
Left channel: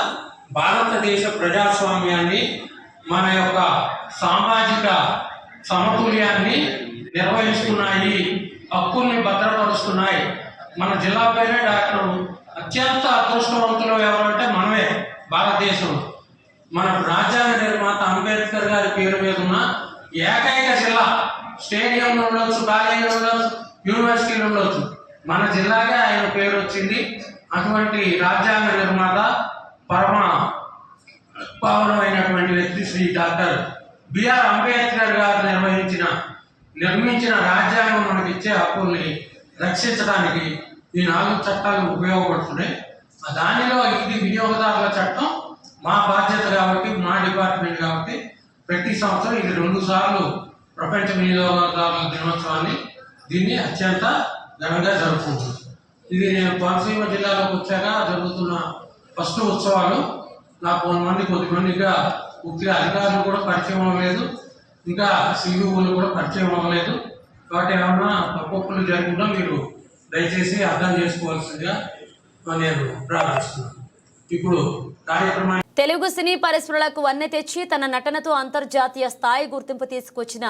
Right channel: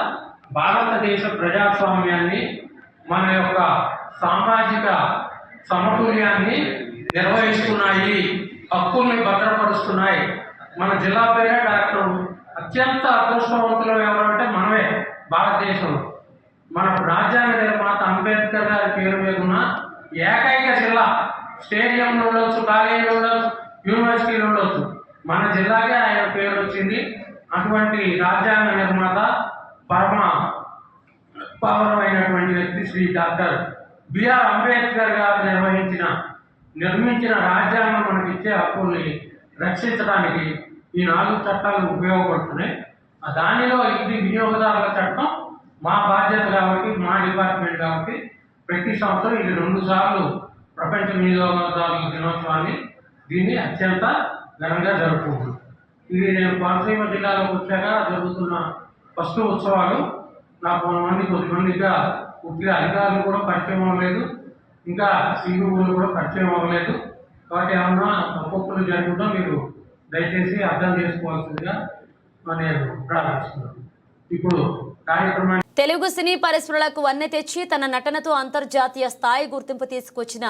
భారతదేశ ప్రజాస్వామ్యాన్ని, మన యొక్క సామాజిక సమతుల్యాన్ని నిర్వహిస్తున్నాయి, హక్కుల్ని భద్రపరుస్తున్నాయి. మన జిల్లా పేరే డాక్టర్. అత్యంత అదృష్టవంతులు ఎవరంటే మనమే భారతదేశంలో. మన రాజ్యాంగ నిర్మాత అంబేద్కర్ గారి పేరు మీద ఉన్న ఏకైక జిల్లా. స్టేడియంలో ఉండొచ్చు, కాలేజీలో ఉండొచ్చు, యూనివర్సిటీలో ఉండొచ్చు, మన జిల్లాగా ఆయన పేరు వచ్చింది. అటువంటి రాజ్యాంగ నిర్మాత, పరమ పావనమైనటువంటి వ్యక్తి శ్రీ డాక్టర్ బిఆర్ అంబేద్కర్ గారు నిర్మించిన రాజ్యాంగం మనకిచ్చే హక్కుల్ని రక్షించడానికి ఈ 4 చట్టాలు ఉపయోగపడుతున్నాయి. దానిలో ఇది వినియోగదారుల చట్టం మా బాధ్యత కాబట్టి, మా డిపార్ట్మెంట్ కాబట్టి ప్రతి సంవత్సరం ఇది 2 సార్లు ప్రపంచ వినియోగదారుల దినోత్సవాన్ని దీన్ని అత్యంత ఘనంగా జరుపుకుంటుంది. ఇది నేను కోనసీమ జిల్లాలోకి వచ్చాక జరుగుతున్న ఫస్ట్ ఉత్సవాలు. నాకు కొద్దిమందిగా పూర్తిగా అధికారులు కూడా పరిచయం అవ్వలేదు, ఇంకా సిఇఓలు కూడా పరిచయం అవ్వలేదు. కాబట్టి ఏమన్నా తప్పులు జరగకుండా మీరు దయచేసి అర్థం చేసుకోవాల్సిందిగా నేను ప్రార్థిస్తున్నాను. ఇప్పుడు కార్యక్రమాన్ని తెలుగు సినీ పరిశ్రమలకు వన్నె తెచ్చి తన నటనతో అంతర్జాతీయ స్థాయి గుర్తింపు తీసుకొచ్చిన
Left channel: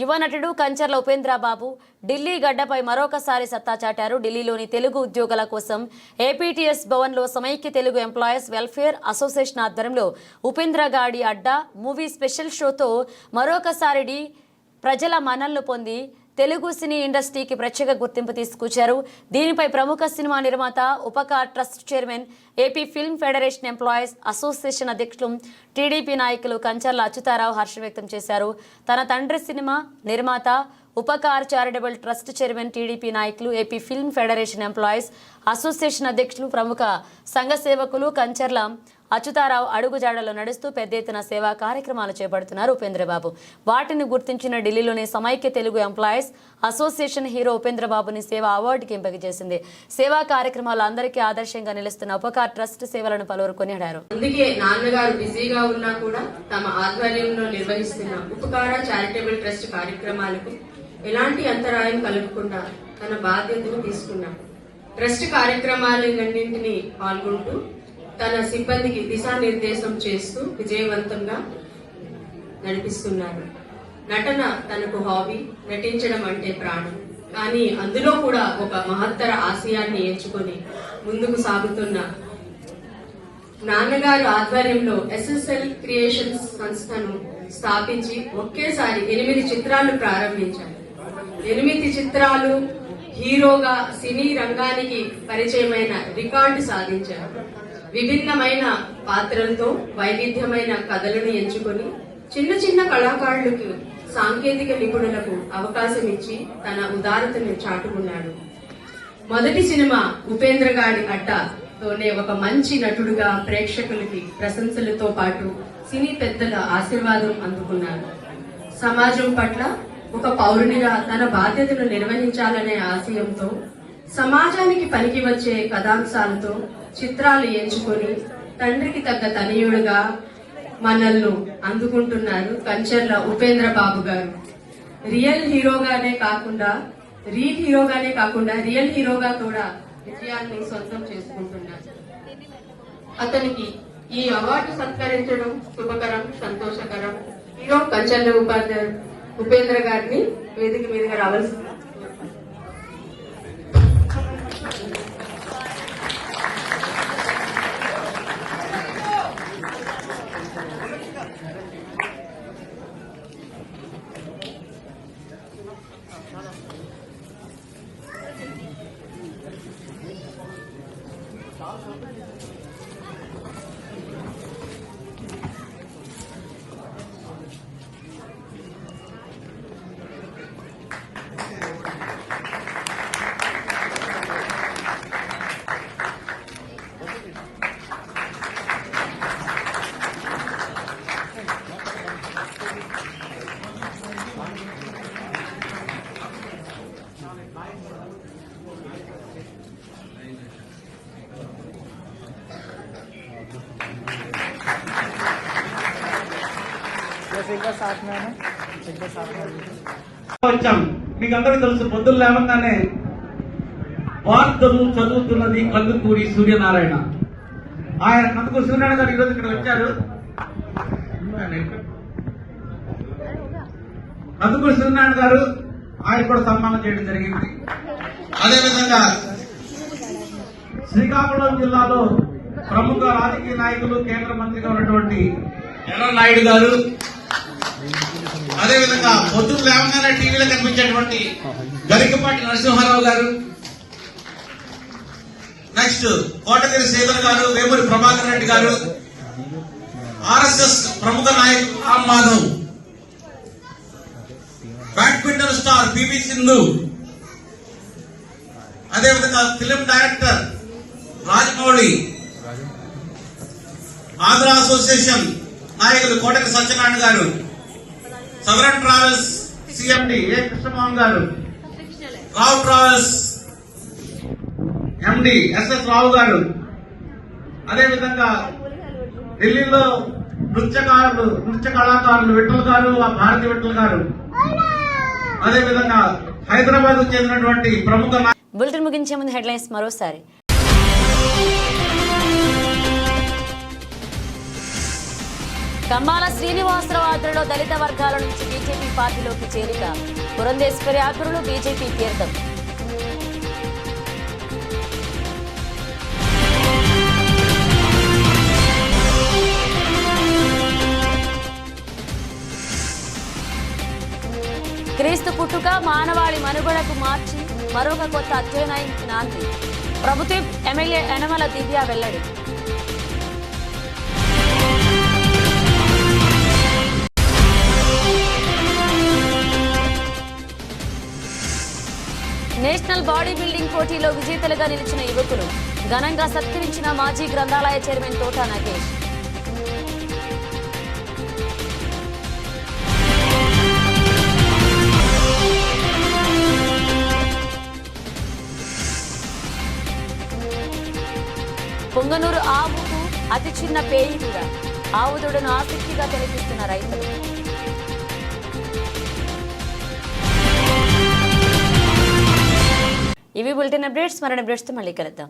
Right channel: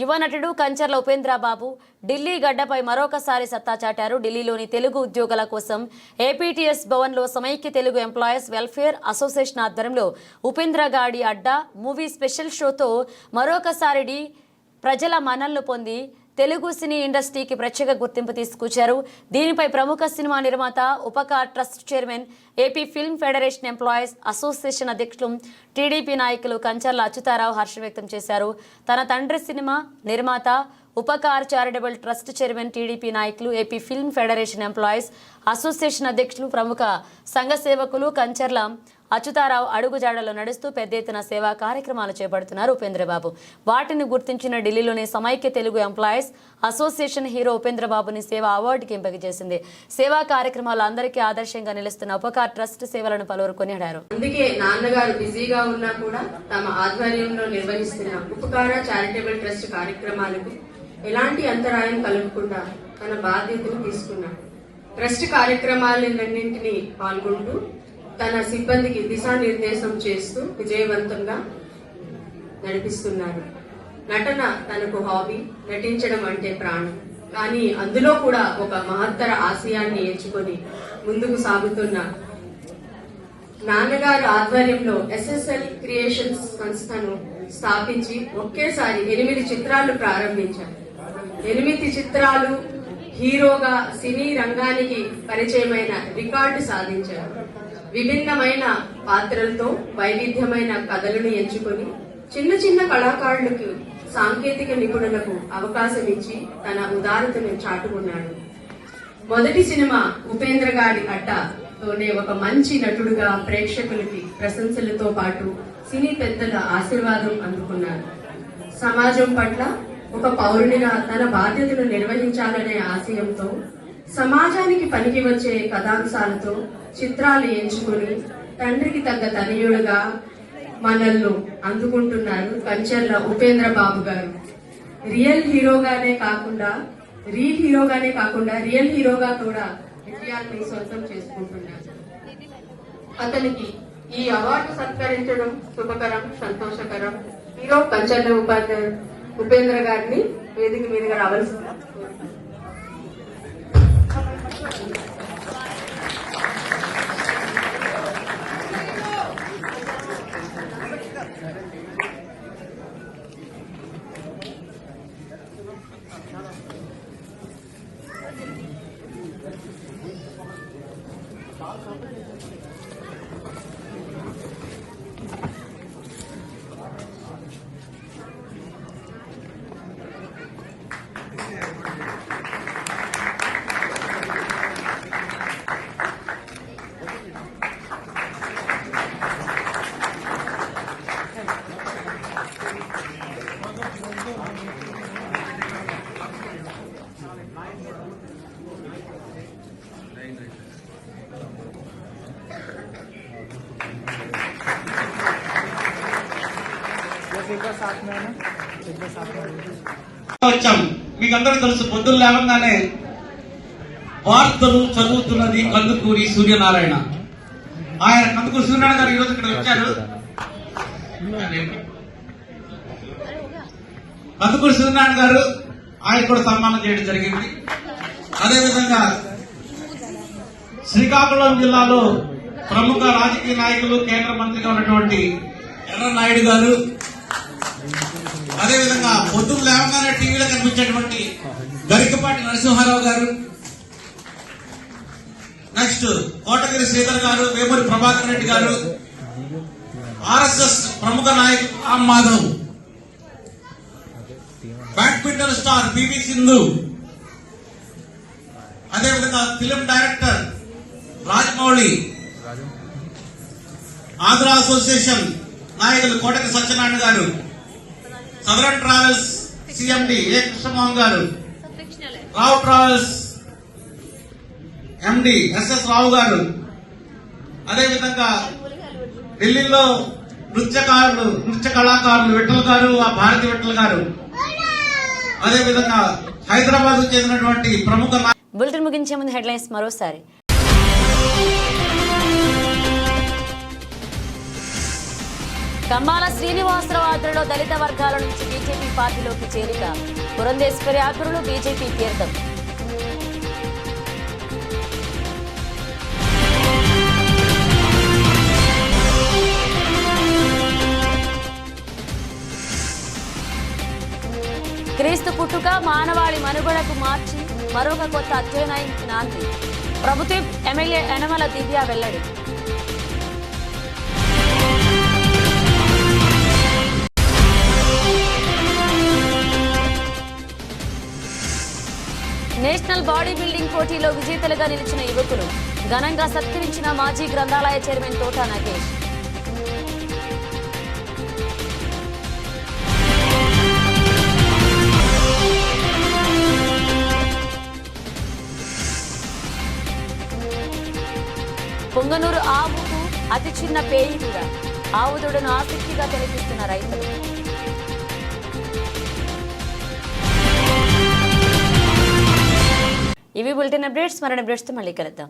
యువ నటుడు కంచర్ల ఉపేంద్ర బాబు ఢిల్లీ గడ్డపై మరొకసారి సత్తా చాటారు. ఢిల్లీలోని తెలుగు ఉద్యోగుల కోసం ఏపీటీఎస్ భవన్లో సమైక్య తెలుగు ఎంప్లాయీస్ వెల్ఫేర్ అసోసియేషన్ ఆధ్వర్యంలో ఉపేంద్ర గాడి అడ్డా మూవీ స్పెషల్ షోతో మరొకసారి ప్రజల మన్ననలు పొంది తెలుగు సినీ ఇండస్ట్రీకి ప్రత్యేక గుర్తింపు తీసుకొచ్చారు. దీనిపై ప్రముఖ సినిమా నిర్మాత Upkar trust chairman, AP film federation employees association అధ్యక్షులు, టీడీపీ నాయకులు కంచర్ల అచ్యుతారావు హర్షం వ్యక్తం చేశారు. తన తండ్రి సినిమా నిర్మాత Upkar charitable trust chairman, TDP నాయకులు, AP film federation employees association అధ్యక్షులు, ప్రముఖ సంఘ సేవకులు కంచర్ల అచ్యుతారావు అడుగుజాడలో నడుస్తూ పెద్ద ఎత్తున సేవా కార్యక్రమాలు చేపడుతున్నారు ఉపేంద్రబాబు. వాటిని గుర్తించిన ఢిల్లీలోని సమైక్య తెలుగు ఎంప్లాయీస్ అసోసియేషన్ హీరో ఉపేంద్రబాబుని సేవా అవార్డుకి ఎంపిక చేసింది. సేవా కార్యక్రమాలు అందరికీ ఆదర్శంగా నిలుస్తున్న ఉపకార్ ట్రస్ట్ సేవలను పలువురు కొనియాడారు. అందుకే నాన్నగారు బిజీగా ఉన్నా కూడా తమ ఆధ్వర్యంలో నిర్వహిస్తున్న ఉపకార చారిటబుల్ ట్రస్ట్ కార్యక్రమాలకు ఎలాంటి అంతరాయం కలగకుండా తన బాధ్యతను తీసుకున్నారు. ట్రస్ట్ కార్యక్రమాలన్నింటినీ పాల్గొంటూ తన సిబ్బందికి దిశానిర్దేశం చేస్తూ విజయవంతంగా నడిపిస్తున్నారు. నటన తనకు హాబీ, నటించడం అంటే ప్రాణం. కానీ అందులో కూడా ఒక మహత్తర ఆశయాన్ని ఎంచుకొని ముందుకు సాగుతున్న నాన్నగారు ఆధ్వర్యంలో SSL క్రియేషన్స్ సంస్థను స్థాపించి ఒకేసారి 8 చిత్రాలు ప్రారంభించారు. 8 చిత్రాలు హీరోగా సినీ రంగానికి పరిచయమైన రికార్డు సాధించారు. విభిన్నమైన పాత్రలతో వైవిధ్యమైన కథలను ఎంచుకొని చిన్న చిన్న కళాకారులకు, సాంకేతిక నిపుణులకు అవకాశం ఇచ్చి తన ఉదారతను చాటుకున్నాడు. మొదటి సినిమా ఉపేంద్ర గాడి అడ్డాతోనే ఒక మంచి నటుడుగా ప్రేక్షకులకి ప్రశంసలతో పాటు సినీ పెద్దల ఆశీర్వాదం అందుకున్నారు. సమాజం పట్ల ఒక పౌరునిగా తన బాధ్యతను నిర్వహించాలనే ఆశయంతో సమాజానికి పనికి వచ్చే కథాంశాలతో చిత్రాలు ఎంచుకొని తండ్రికి తగ్గ తనయుడుగా మనల్ని అందుకుంటున్నారు కంచర్ల ఉపేంద్ర బాబు గారు. రియల్ హీరోగానే కాకుండా రియల్ హీరోగా కూడా విజయాన్ని సొంతం చేసుకుంటున్నారు. అతనికి ఈ అవార్డు సత్కరించడం శుభకరం, సంతోషకరం. హీరో కంచర్ల ఉపేంద్ర గారిని వేదిక మీదుగా రావాల్సింది. వచ్చాం. మీకు అందరికీ తెలుసు, పొద్దున్న లేవగానే వార్తలు చదువుతున్నది కందుకూరి సూర్యనారాయణ. ఆయన కందుకూరి సూర్యనారాయణ గారు ఈరోజు ఇక్కడ వచ్చారు. కందుకూరి సూర్యనారాయణ గారు ఆయన కూడా సన్మానం చేయడం జరిగింది. అదేవిధంగా శ్రీకాకుళం జిల్లాలో ప్రముఖ రాజకీయ నాయకులు, కేంద్ర మంత్రిగా ఉన్నటువంటి ఎర్రనాయుడు గారు, అదేవిధంగా పొద్దున్న లేవగానే టీవీలో కనిపించేటువంటి గరికపాటి నరసింహారావు గారు, నెక్స్ట్ కోటగిరి శ్రీధర్ గారు, వేమూరి ప్రభాకర్ రెడ్డి గారు, RSS ప్రముఖ నాయకులు Ram Madhav, badminton star PV Sindhu, అదేవిధంగా film director Rajamouli, Andhra association నాయకులు Kotagiri Satyanarayana garu, southern travels CMD A Krishnamohan garu, Rao travels MD SS Rao garu, అదేవిధంగా ఢిల్లీలో నృత్య కళాకారులు విఠల్ గారు, భారతి విఠల్ గారు, అదేవిధంగా హైదరాబాద్ కు చెందినటువంటి ప్రముఖ. బులెటిన్ ముగించే ముందు హెడ్లైన్స్ మరోసారి. కంబాల శ్రీనివాసరావు ఆధ్వర్యంలో దళిత వర్గాల నుంచి బీజేపీ పార్టీలోకి చేరిక. పురంధేశ్వరి ఆధ్వర్యంలో బీజేపీ తీర్థం. క్రీస్తు పుట్టుక మానవాళి మనుగడకు మార్చి మరొక కొత్త అధ్యయనానికి నాంది. ప్రభుత్వ ఎమ్మెల్యే యనమల దివ్య వెల్లడి. నేషనల్ బాడీ బిల్డింగ్ పోటీలో విజేతలుగా నిలిచిన యువకులు ఘనంగా సత్కరించిన మాజీ గ్రంథాలయ చైర్మన్ తోట నాగేష్. పొంగనూరు ఆవుకు అతి చిన్న పేయి కూడా. ఆవు దూడను ఆసక్తిగా తిలకిస్తున్న రైతులు. ఇవి బులెటిన్ అప్డేట్స్. మరిన్ని అప్డేట్స్తో మళ్ళీ కలుద్దాం.